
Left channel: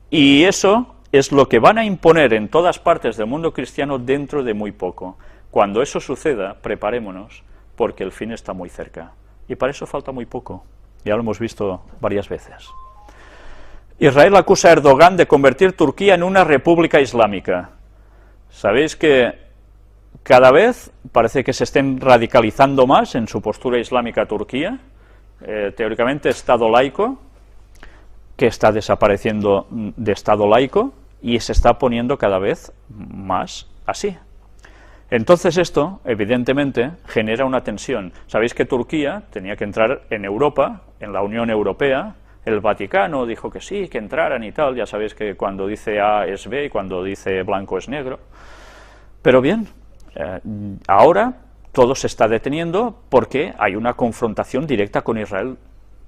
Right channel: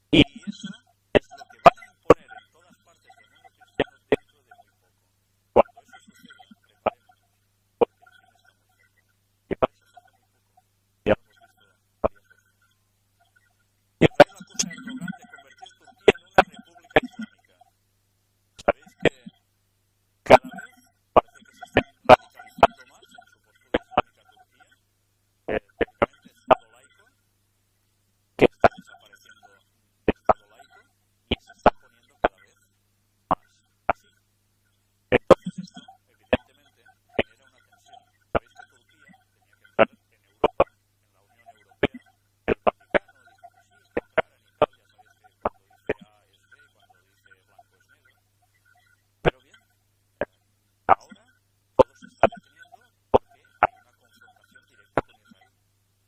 Y eso es lo que van a imponer en todas partes del mundo cristiano dentro de muy poco. Cuando eso suceda, preparémonos, porque el fin está muy cerca. Y para eso falta muy poco. Ya lo hemos visto varias veces. Israel acusa a Erdogan de convertir Turquía en una república islámica. Sabéis que cada vez parece que se estén radicalizando más en su postura islámica Turquía. Teóricamente Estado laico, que está desapareciendo de Estado laico y se está poniendo cada vez más así. Entonces esto, evidentemente, genera una tensión. Sabéis que Turquía tenía que entrar en Europa, en la Unión Europea. El Vaticano dijo que sí, que entraran y tal. Ya sabéis que cuando dice A es B y cuando dice blanco es negro. Pero bien, ahora todo se está deteniendo porque hay una confrontación directa con Israel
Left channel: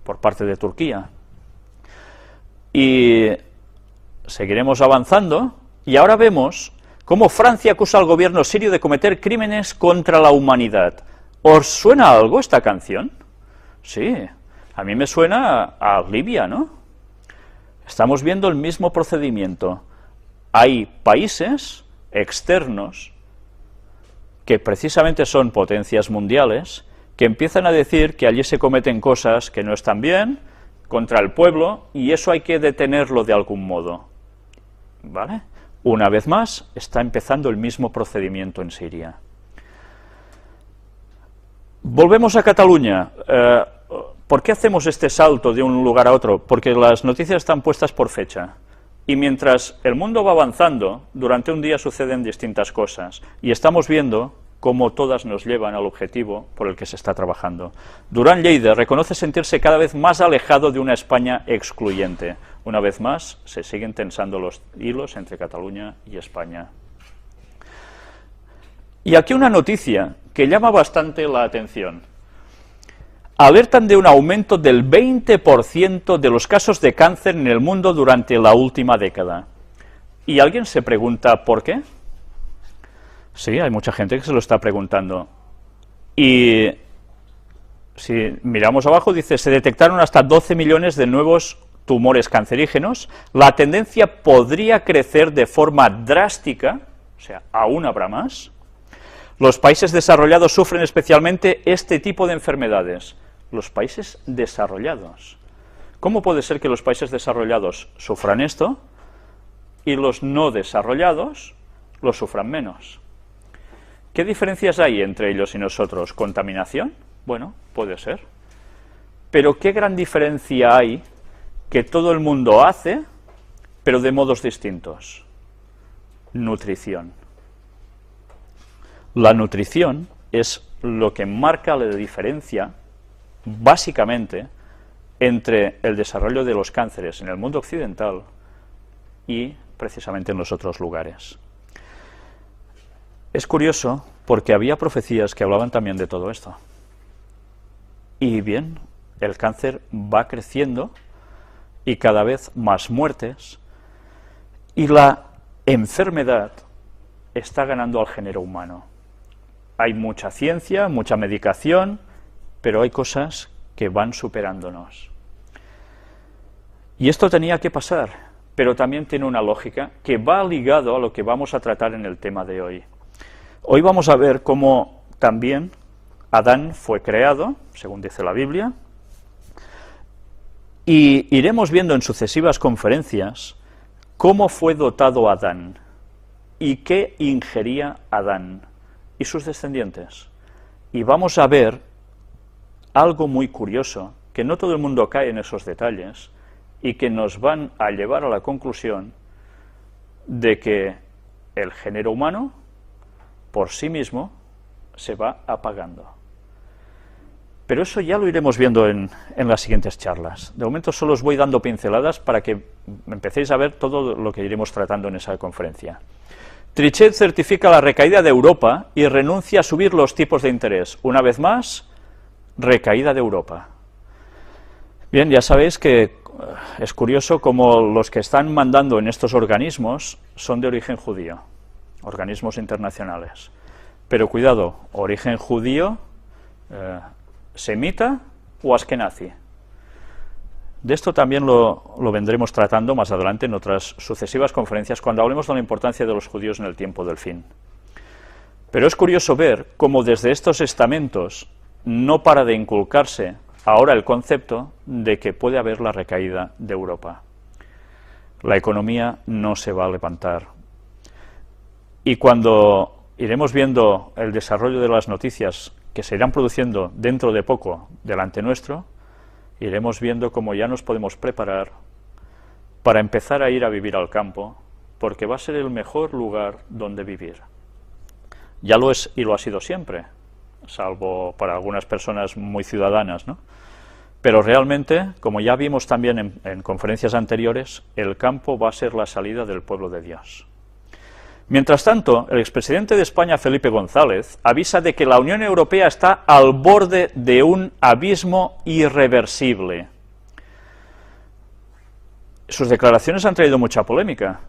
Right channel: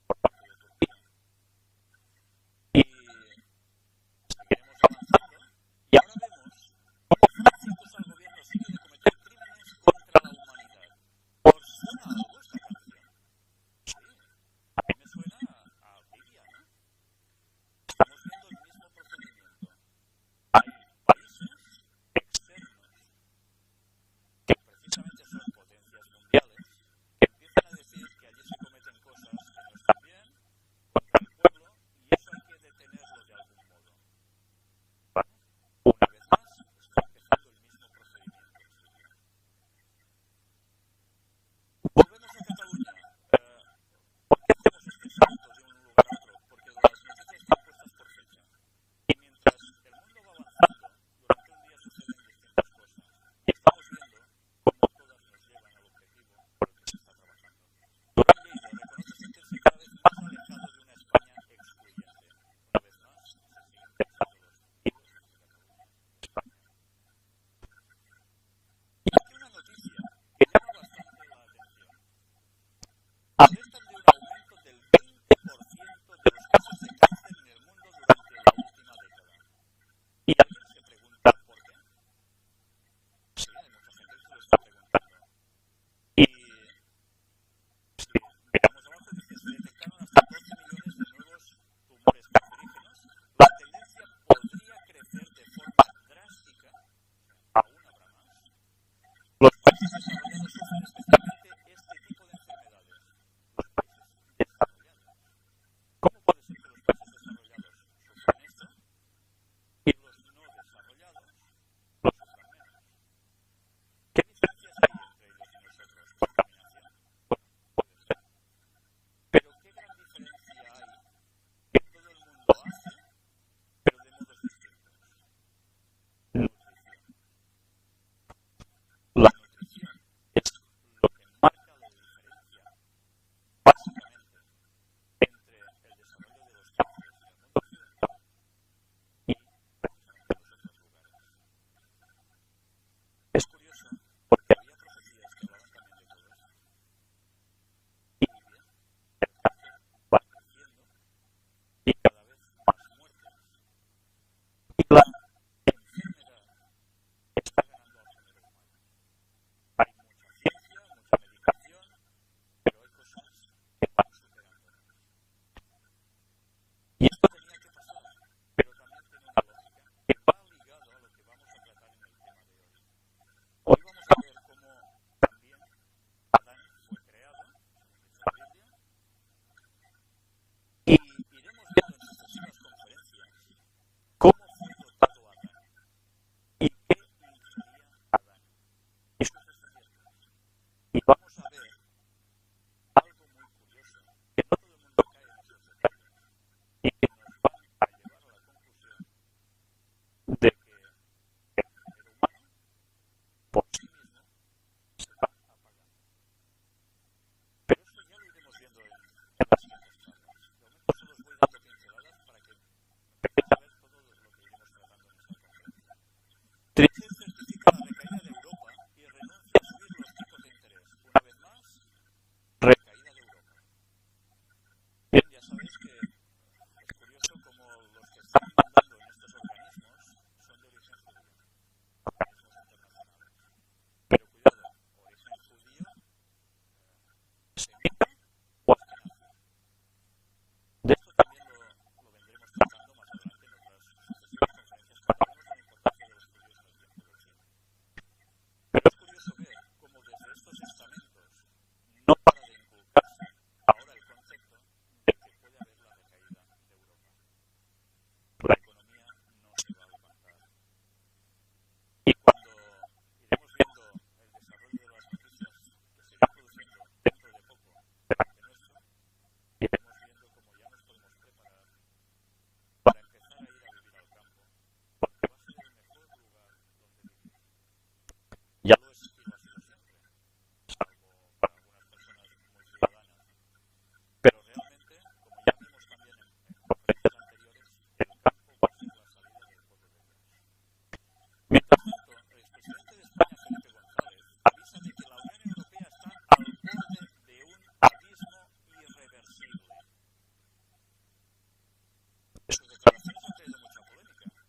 por parte de Turquía. Y seguiremos avanzando, y ahora vemos cómo Francia acusa al gobierno sirio de cometer crímenes contra la humanidad. ¿Os suena algo esta canción? Sí, a mí me suena a Libia, ¿no? Estamos viendo el mismo procedimiento. Hay países externos que precisamente son potencias mundiales, que empiezan a decir que allí se cometen cosas que no están bien, contra el pueblo, y eso hay que detenerlo de algún modo. ¿Vale? Una vez más, está empezando el mismo procedimiento en Siria. Volvemos a Cataluña. ¿Por qué hacemos este salto de un lugar a otro? Porque las noticias están puestas por fecha. Y mientras el mundo va avanzando, durante un día suceden distintas cosas. Y estamos viendo cómo todas nos llevan al objetivo por el que se está trabajando. Durán Lleida reconoce sentirse cada vez más alejado de una España excluyente. Una vez más, se siguen tensando los hilos entre Cataluña y España. Y aquí una noticia que llama bastante la atención. Alertan de un aumento del 20% de los casos de cáncer en el mundo durante la última década. ¿Y alguien se pregunta por qué? Sí, hay mucha gente que se lo está preguntando. Y si miramos abajo, dice, se detectaron hasta 12 millones de nuevos tumores cancerígenos. La tendencia podría crecer de forma drástica, o sea, aún habrá más. Los países desarrollados sufren especialmente este tipo de enfermedades. Los países desarrollados. ¿Cómo puede ser que los países desarrollados sufran esto y los no desarrollados lo sufran menos? ¿Qué diferencias hay entre ellos y nosotros? ¿Contaminación? Bueno, puede ser. Pero ¿qué gran diferencia hay que todo el mundo hace, pero de modos distintos? Nutrición. La nutrición es lo que marca la diferencia, básicamente, entre el desarrollo de los cánceres en el mundo occidental y precisamente en los otros lugares. Es curioso porque había profecías que hablaban también de todo esto. Y bien, el cáncer va creciendo y cada vez más muertes, y la enfermedad está ganando al género humano. Hay mucha ciencia, mucha medicación, pero hay cosas que van superándonos. Y esto tenía que pasar, pero también tiene una lógica que va ligado a lo que vamos a tratar en el tema de hoy. Hoy vamos a ver cómo también Adán fue creado, según dice la Biblia, y iremos viendo en sucesivas conferencias cómo fue dotado Adán y qué ingería Adán y sus descendientes. Y vamos a ver algo muy curioso, que no todo el mundo cae en esos detalles, y que nos van a llevar a la conclusión de que el género humano, por sí mismo, se va apagando. Pero eso ya lo iremos viendo en las siguientes charlas. De momento solo os voy dando pinceladas para que empecéis a ver todo lo que iremos tratando en esa conferencia. Trichet certifica la recaída de Europa y renuncia a subir los tipos de interés. Una vez más, recaída de Europa. Bien, ya sabéis que es curioso cómo los que están mandando en estos organismos son de origen judío, organismos internacionales. Pero cuidado, origen judío, semita o askenazi. De esto también lo vendremos tratando más adelante en otras sucesivas conferencias cuando hablemos de la importancia de los judíos en el tiempo del fin. Pero es curioso ver cómo desde estos estamentos no para de inculcarse ahora el concepto de que puede haber la recaída de Europa. La economía no se va a levantar. Y cuando iremos viendo el desarrollo de las noticias que se irán produciendo dentro de poco delante nuestro, iremos viendo cómo ya nos podemos preparar para empezar a ir a vivir al campo, porque va a ser el mejor lugar donde vivir. Ya lo es y lo ha sido siempre, salvo para algunas personas muy ciudadanas, ¿no? Pero realmente, como ya vimos también en conferencias anteriores, el campo va a ser la salida del pueblo de Dios. Mientras tanto, el expresidente de España, Felipe González, avisa de que la Unión Europea está al borde de un abismo irreversible. Sus declaraciones han traído mucha polémica,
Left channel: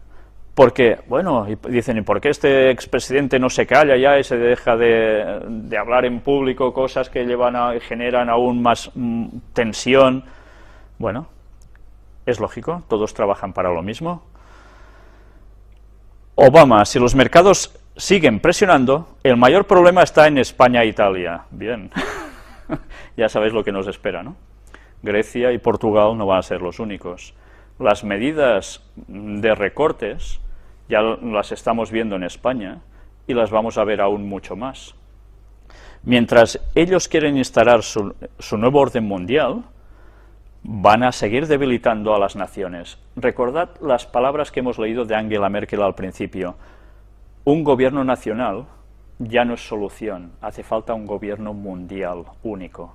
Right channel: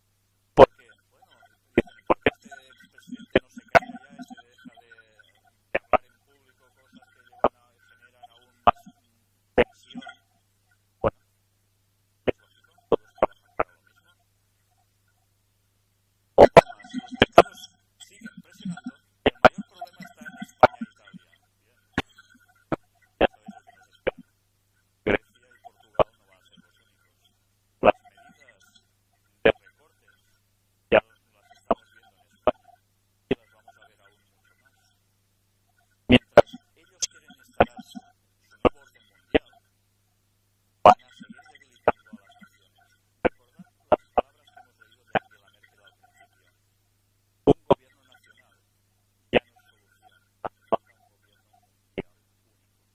porque, bueno, dicen, ¿y por qué este expresidente no se calla ya y se deja de hablar en público cosas que generan aún más tensión? Bueno, es lógico, todos trabajan para lo mismo. Obama, si los mercados siguen presionando, el mayor problema está en España e Italia. Bien, ya sabéis lo que nos espera, ¿no? Grecia y Portugal no van a ser los únicos. Las medidas de recortes ya las estamos viendo en España y las vamos a ver aún mucho más. Mientras ellos quieren instalar su nuevo orden mundial, van a seguir debilitando a las naciones. Recordad las palabras que hemos leído de Angela Merkel al principio. Un gobierno nacional ya no es solución, hace falta un gobierno mundial único.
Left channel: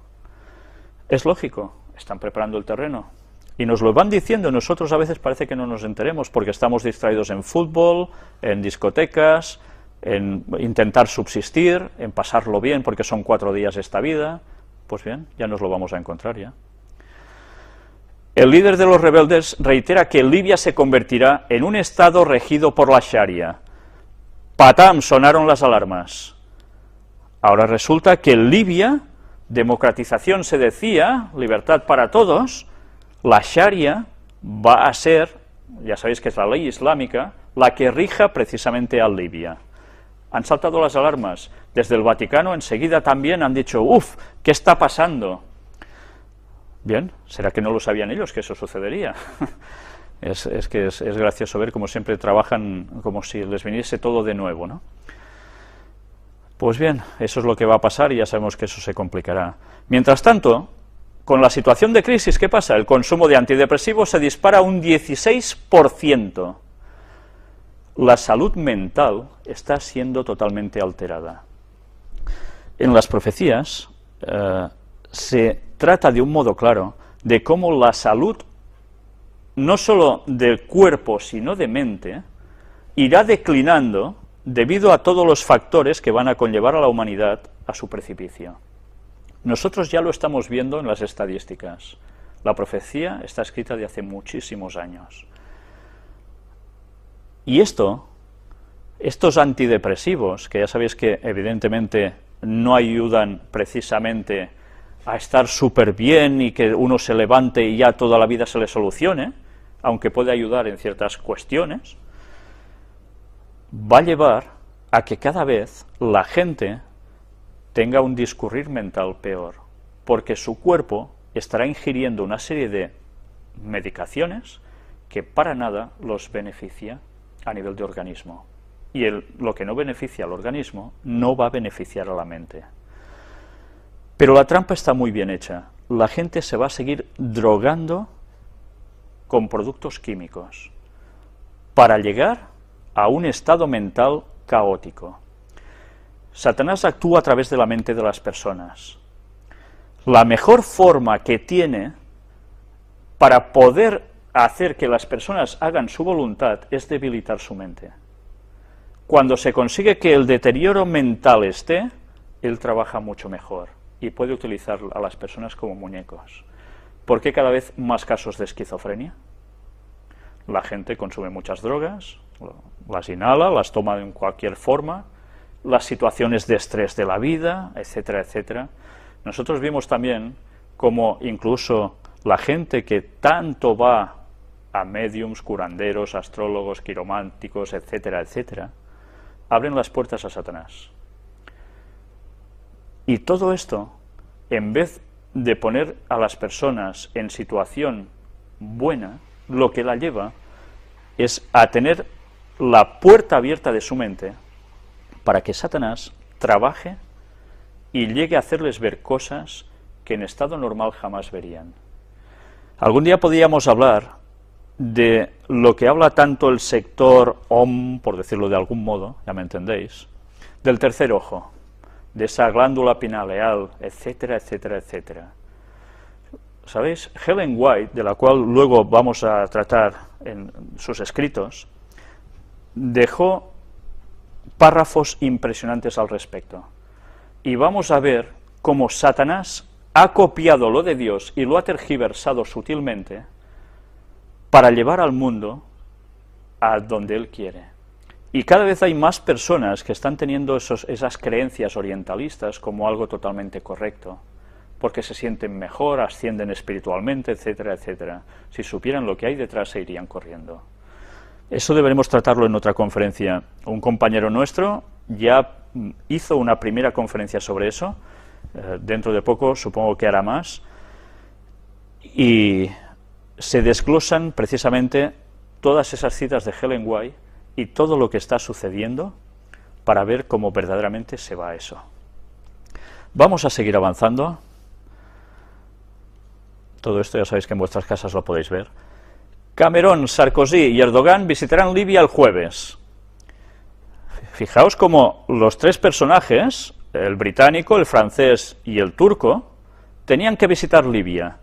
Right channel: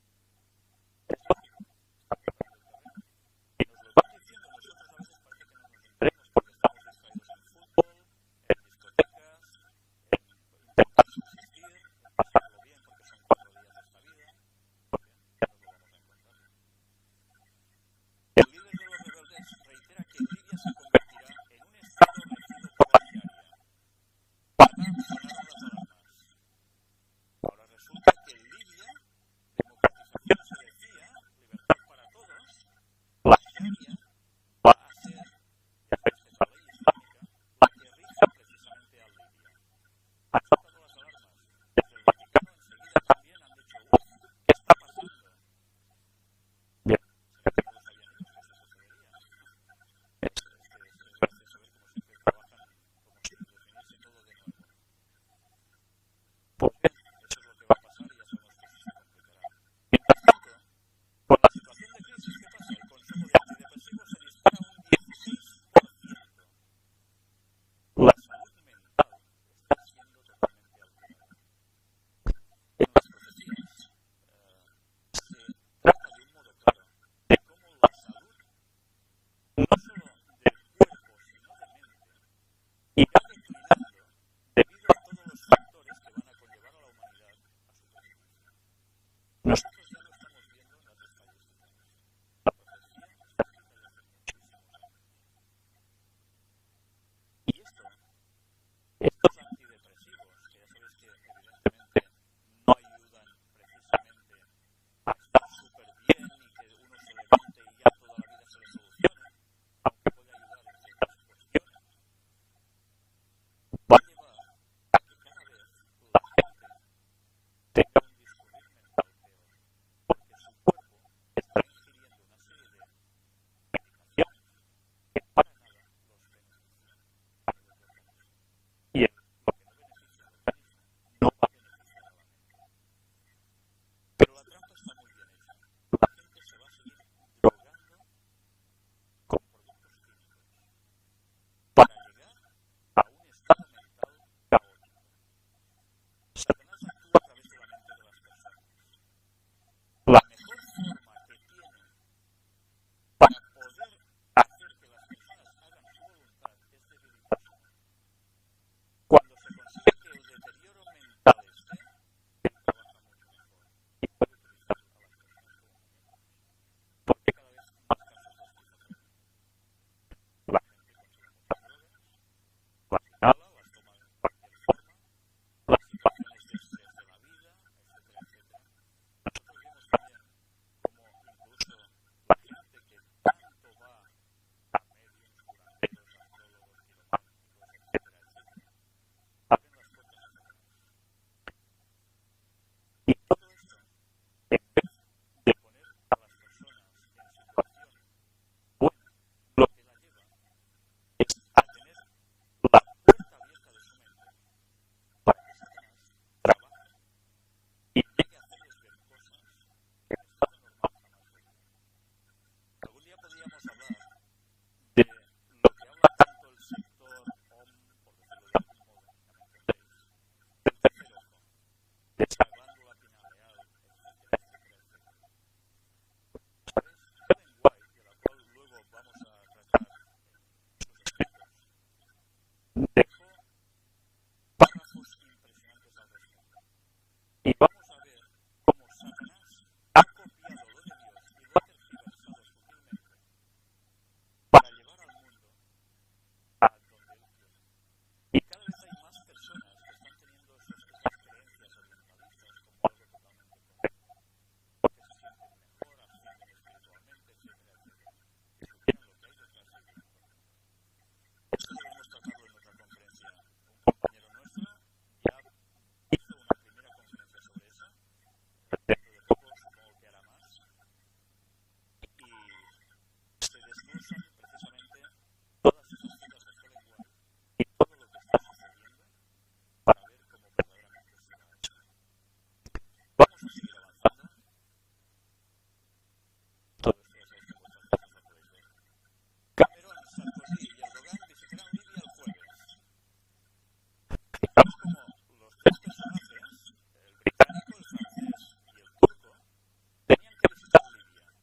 Es lógico, están preparando el terreno. Y nos lo van diciendo, nosotros a veces parece que no nos enteremos porque estamos distraídos en fútbol, en discotecas, en intentar subsistir, en pasarlo bien porque son 4 días esta vida. Pues bien, ya nos lo vamos a encontrar ya. El líder de los rebeldes reitera que Libia se convertirá en un estado regido por la Sharia. ¡Patam! Sonaron las alarmas. Ahora resulta que en Libia, democratización se decía, libertad para todos, la Sharia va a ser, ya sabéis que es la ley islámica, la que rija precisamente a Libia. Han saltado las alarmas. Desde el Vaticano enseguida también han dicho, ¡uf! ¿Qué está pasando? Bien, ¿será que no lo sabían ellos que eso sucedería? Es gracioso ver cómo siempre trabajan como si les viniese todo de nuevo, ¿no? Pues bien, eso es lo que va a pasar y ya sabemos que eso se complicará. Mientras tanto, con la situación de crisis, ¿qué pasa? El consumo de antidepresivos se dispara un 16%. La salud mental está siendo totalmente alterada. En las profecías se trata de un modo claro de cómo la salud, no solo del cuerpo, sino de mente, irá declinando debido a todos los factores que van a conllevar a la humanidad a su precipicio. Nosotros ya lo estamos viendo en las estadísticas. La profecía está escrita de hace muchísimos años. Y estos antidepresivos, que ya sabéis que evidentemente no ayudan precisamente a estar súper bien y que uno se levante y ya toda la vida se le solucione, aunque puede ayudar en ciertas cuestiones, va a llevar a que cada vez la gente tenga un discurrir mental peor, porque su cuerpo estará ingiriendo una serie de medicaciones que para nada los beneficia a nivel de organismo. Y lo que no beneficia al organismo no va a beneficiar a la mente. Pero la trampa está muy bien hecha. La gente se va a seguir drogando con productos químicos para llegar a un estado mental caótico. Satanás actúa a través de la mente de las personas. La mejor forma que tiene para poder hacer que las personas hagan su voluntad es debilitar su mente. Cuando se consigue que el deterioro mental esté, él trabaja mucho mejor y puede utilizar a las personas como muñecos. ¿Por qué cada vez más casos de esquizofrenia? La gente consume muchas drogas, las inhala, las toma en cualquier forma, las situaciones de estrés de la vida, etcétera, etcétera. Nosotros vimos también cómo incluso la gente que tanto va a médiums, curanderos, astrólogos, quirománticos, etcétera, etcétera, abren las puertas a Satanás. Y todo esto, en vez de poner a las personas en situación buena, lo que la lleva es a tener la puerta abierta de su mente para que Satanás trabaje y llegue a hacerles ver cosas que en estado normal jamás verían. Algún día podríamos hablar de lo que habla tanto el sector OM, por decirlo de algún modo, ya me entendéis, del tercer ojo, de esa glándula pineal, etcétera, etcétera, etcétera. ¿Sabéis? Ellen White, de la cual luego vamos a tratar en sus escritos, dejó párrafos impresionantes al respecto. Y vamos a ver cómo Satanás ha copiado lo de Dios y lo ha tergiversado sutilmente para llevar al mundo a donde Él quiere. Y cada vez hay más personas que están teniendo esas creencias orientalistas como algo totalmente correcto, porque se sienten mejor, ascienden espiritualmente, etcétera, etcétera. Si supieran lo que hay detrás, se irían corriendo. Eso deberemos tratarlo en otra conferencia. Un compañero nuestro ya hizo una primera conferencia sobre eso, dentro de poco supongo que hará más, y se desglosan precisamente todas esas citas de Ellen White y todo lo que está sucediendo para ver cómo verdaderamente se va a eso. Vamos a seguir avanzando. Todo esto ya sabéis que en vuestras casas lo podéis ver. Cameron, Sarkozy y Erdogan visitarán Libia el jueves. Fijaos cómo los tres personajes, el británico, el francés y el turco, tenían que visitar Libia.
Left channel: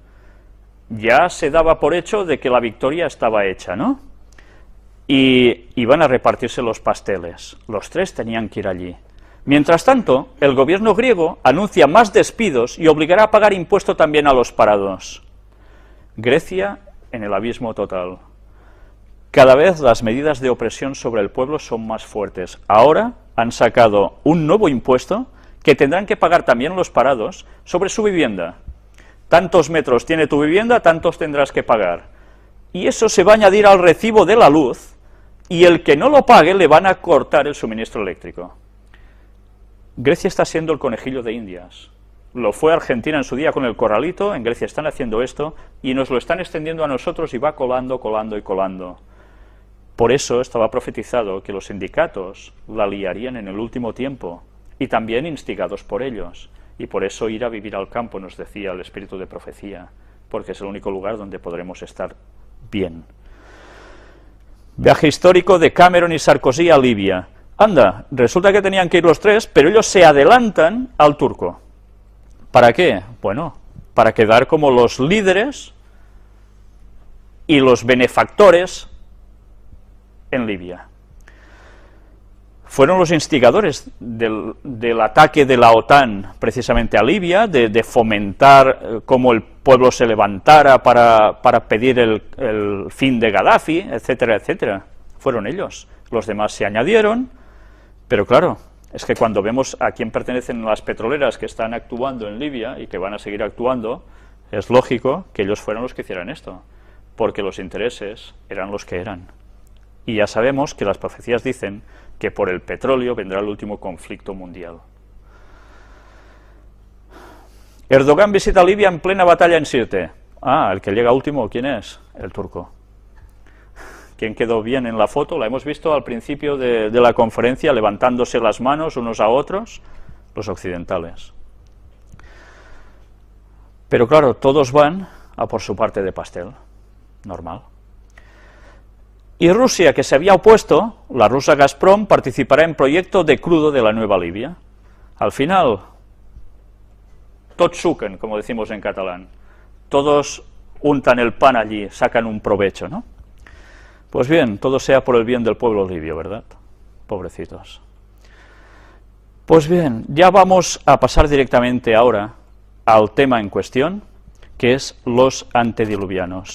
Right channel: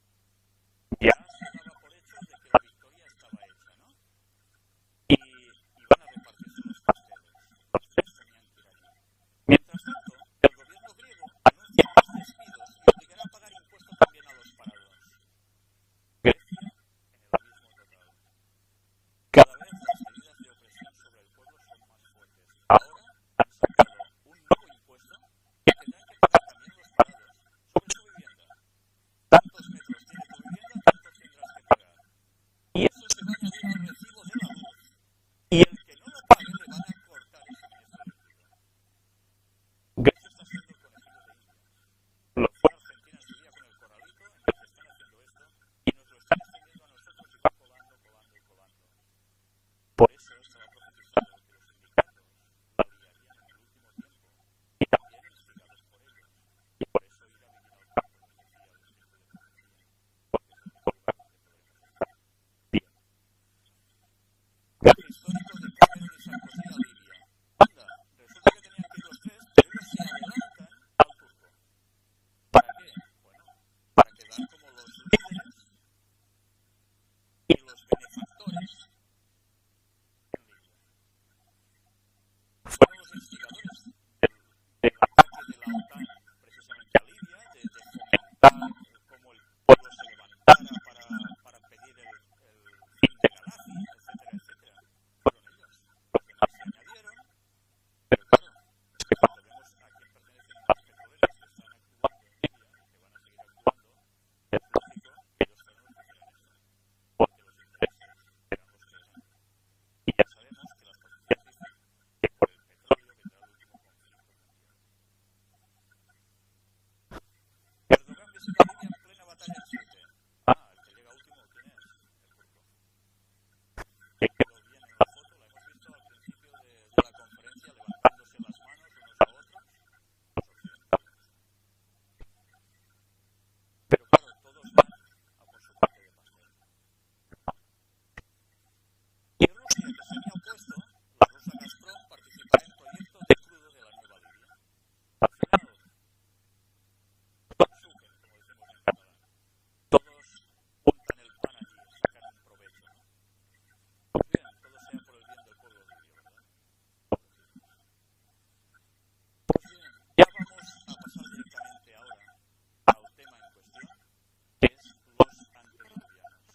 Ya se daba por hecho de que la victoria estaba hecha, ¿no? Y iban a repartirse los pasteles. Los tres tenían que ir allí. Mientras tanto, el gobierno griego anuncia más despidos y obligará a pagar impuesto también a los parados. Grecia en el abismo total. Cada vez las medidas de opresión sobre el pueblo son más fuertes. Ahora han sacado un nuevo impuesto que tendrán que pagar también los parados sobre su vivienda. Tantos metros tiene tu vivienda, tantos tendrás que pagar. Y eso se va a añadir al recibo de la luz, y el que no lo pague le van a cortar el suministro eléctrico. Grecia está siendo el conejillo de Indias. Lo fue Argentina en su día con el corralito, en Grecia están haciendo esto, y nos lo están extendiendo a nosotros y va colando, colando y colando. Por eso estaba profetizado que los sindicatos la liarían en el último tiempo, y también instigados por ellos. Y por eso ir a vivir al campo, nos decía el espíritu de profecía, porque es el único lugar donde podremos estar bien. Viaje histórico de Cameron y Sarkozy a Libia. Anda, resulta que tenían que ir los tres, pero ellos se adelantan al turco. ¿Para qué? Bueno, para quedar como los líderes y los benefactores en Libia. Fueron los instigadores del ataque de la OTAN precisamente a Libia, de fomentar cómo el pueblo se levantara para pedir el fin de Gaddafi, etcétera, etcétera. Fueron ellos. Los demás se añadieron, pero claro, es que cuando vemos a quién pertenecen las petroleras que están actuando en Libia y que van a seguir actuando, es lógico que ellos fueran los que hicieran esto, porque los intereses eran los que eran. Y ya sabemos que las profecías dicen que por el petróleo vendrá el último conflicto mundial. Erdogan visita Libia en plena batalla en Sirte. Ah, el que llega último, ¿quién es? El turco. ¿Quién quedó bien en la foto? La hemos visto al principio de la conferencia, levantándose las manos unos a otros, los occidentales. Pero claro, todos van a por su parte de pastel, normal. Y Rusia, que se había opuesto, la rusa Gazprom, participará en proyecto de crudo de la nueva Libia. Al final, tots suquen, como decimos en catalán. Todos untan el pan allí, sacan un provecho, ¿no? Pues bien, todo sea por el bien del pueblo libio, ¿verdad? Pobrecitos. Pues bien, ya vamos a pasar directamente ahora al tema en cuestión, que es los antediluvianos.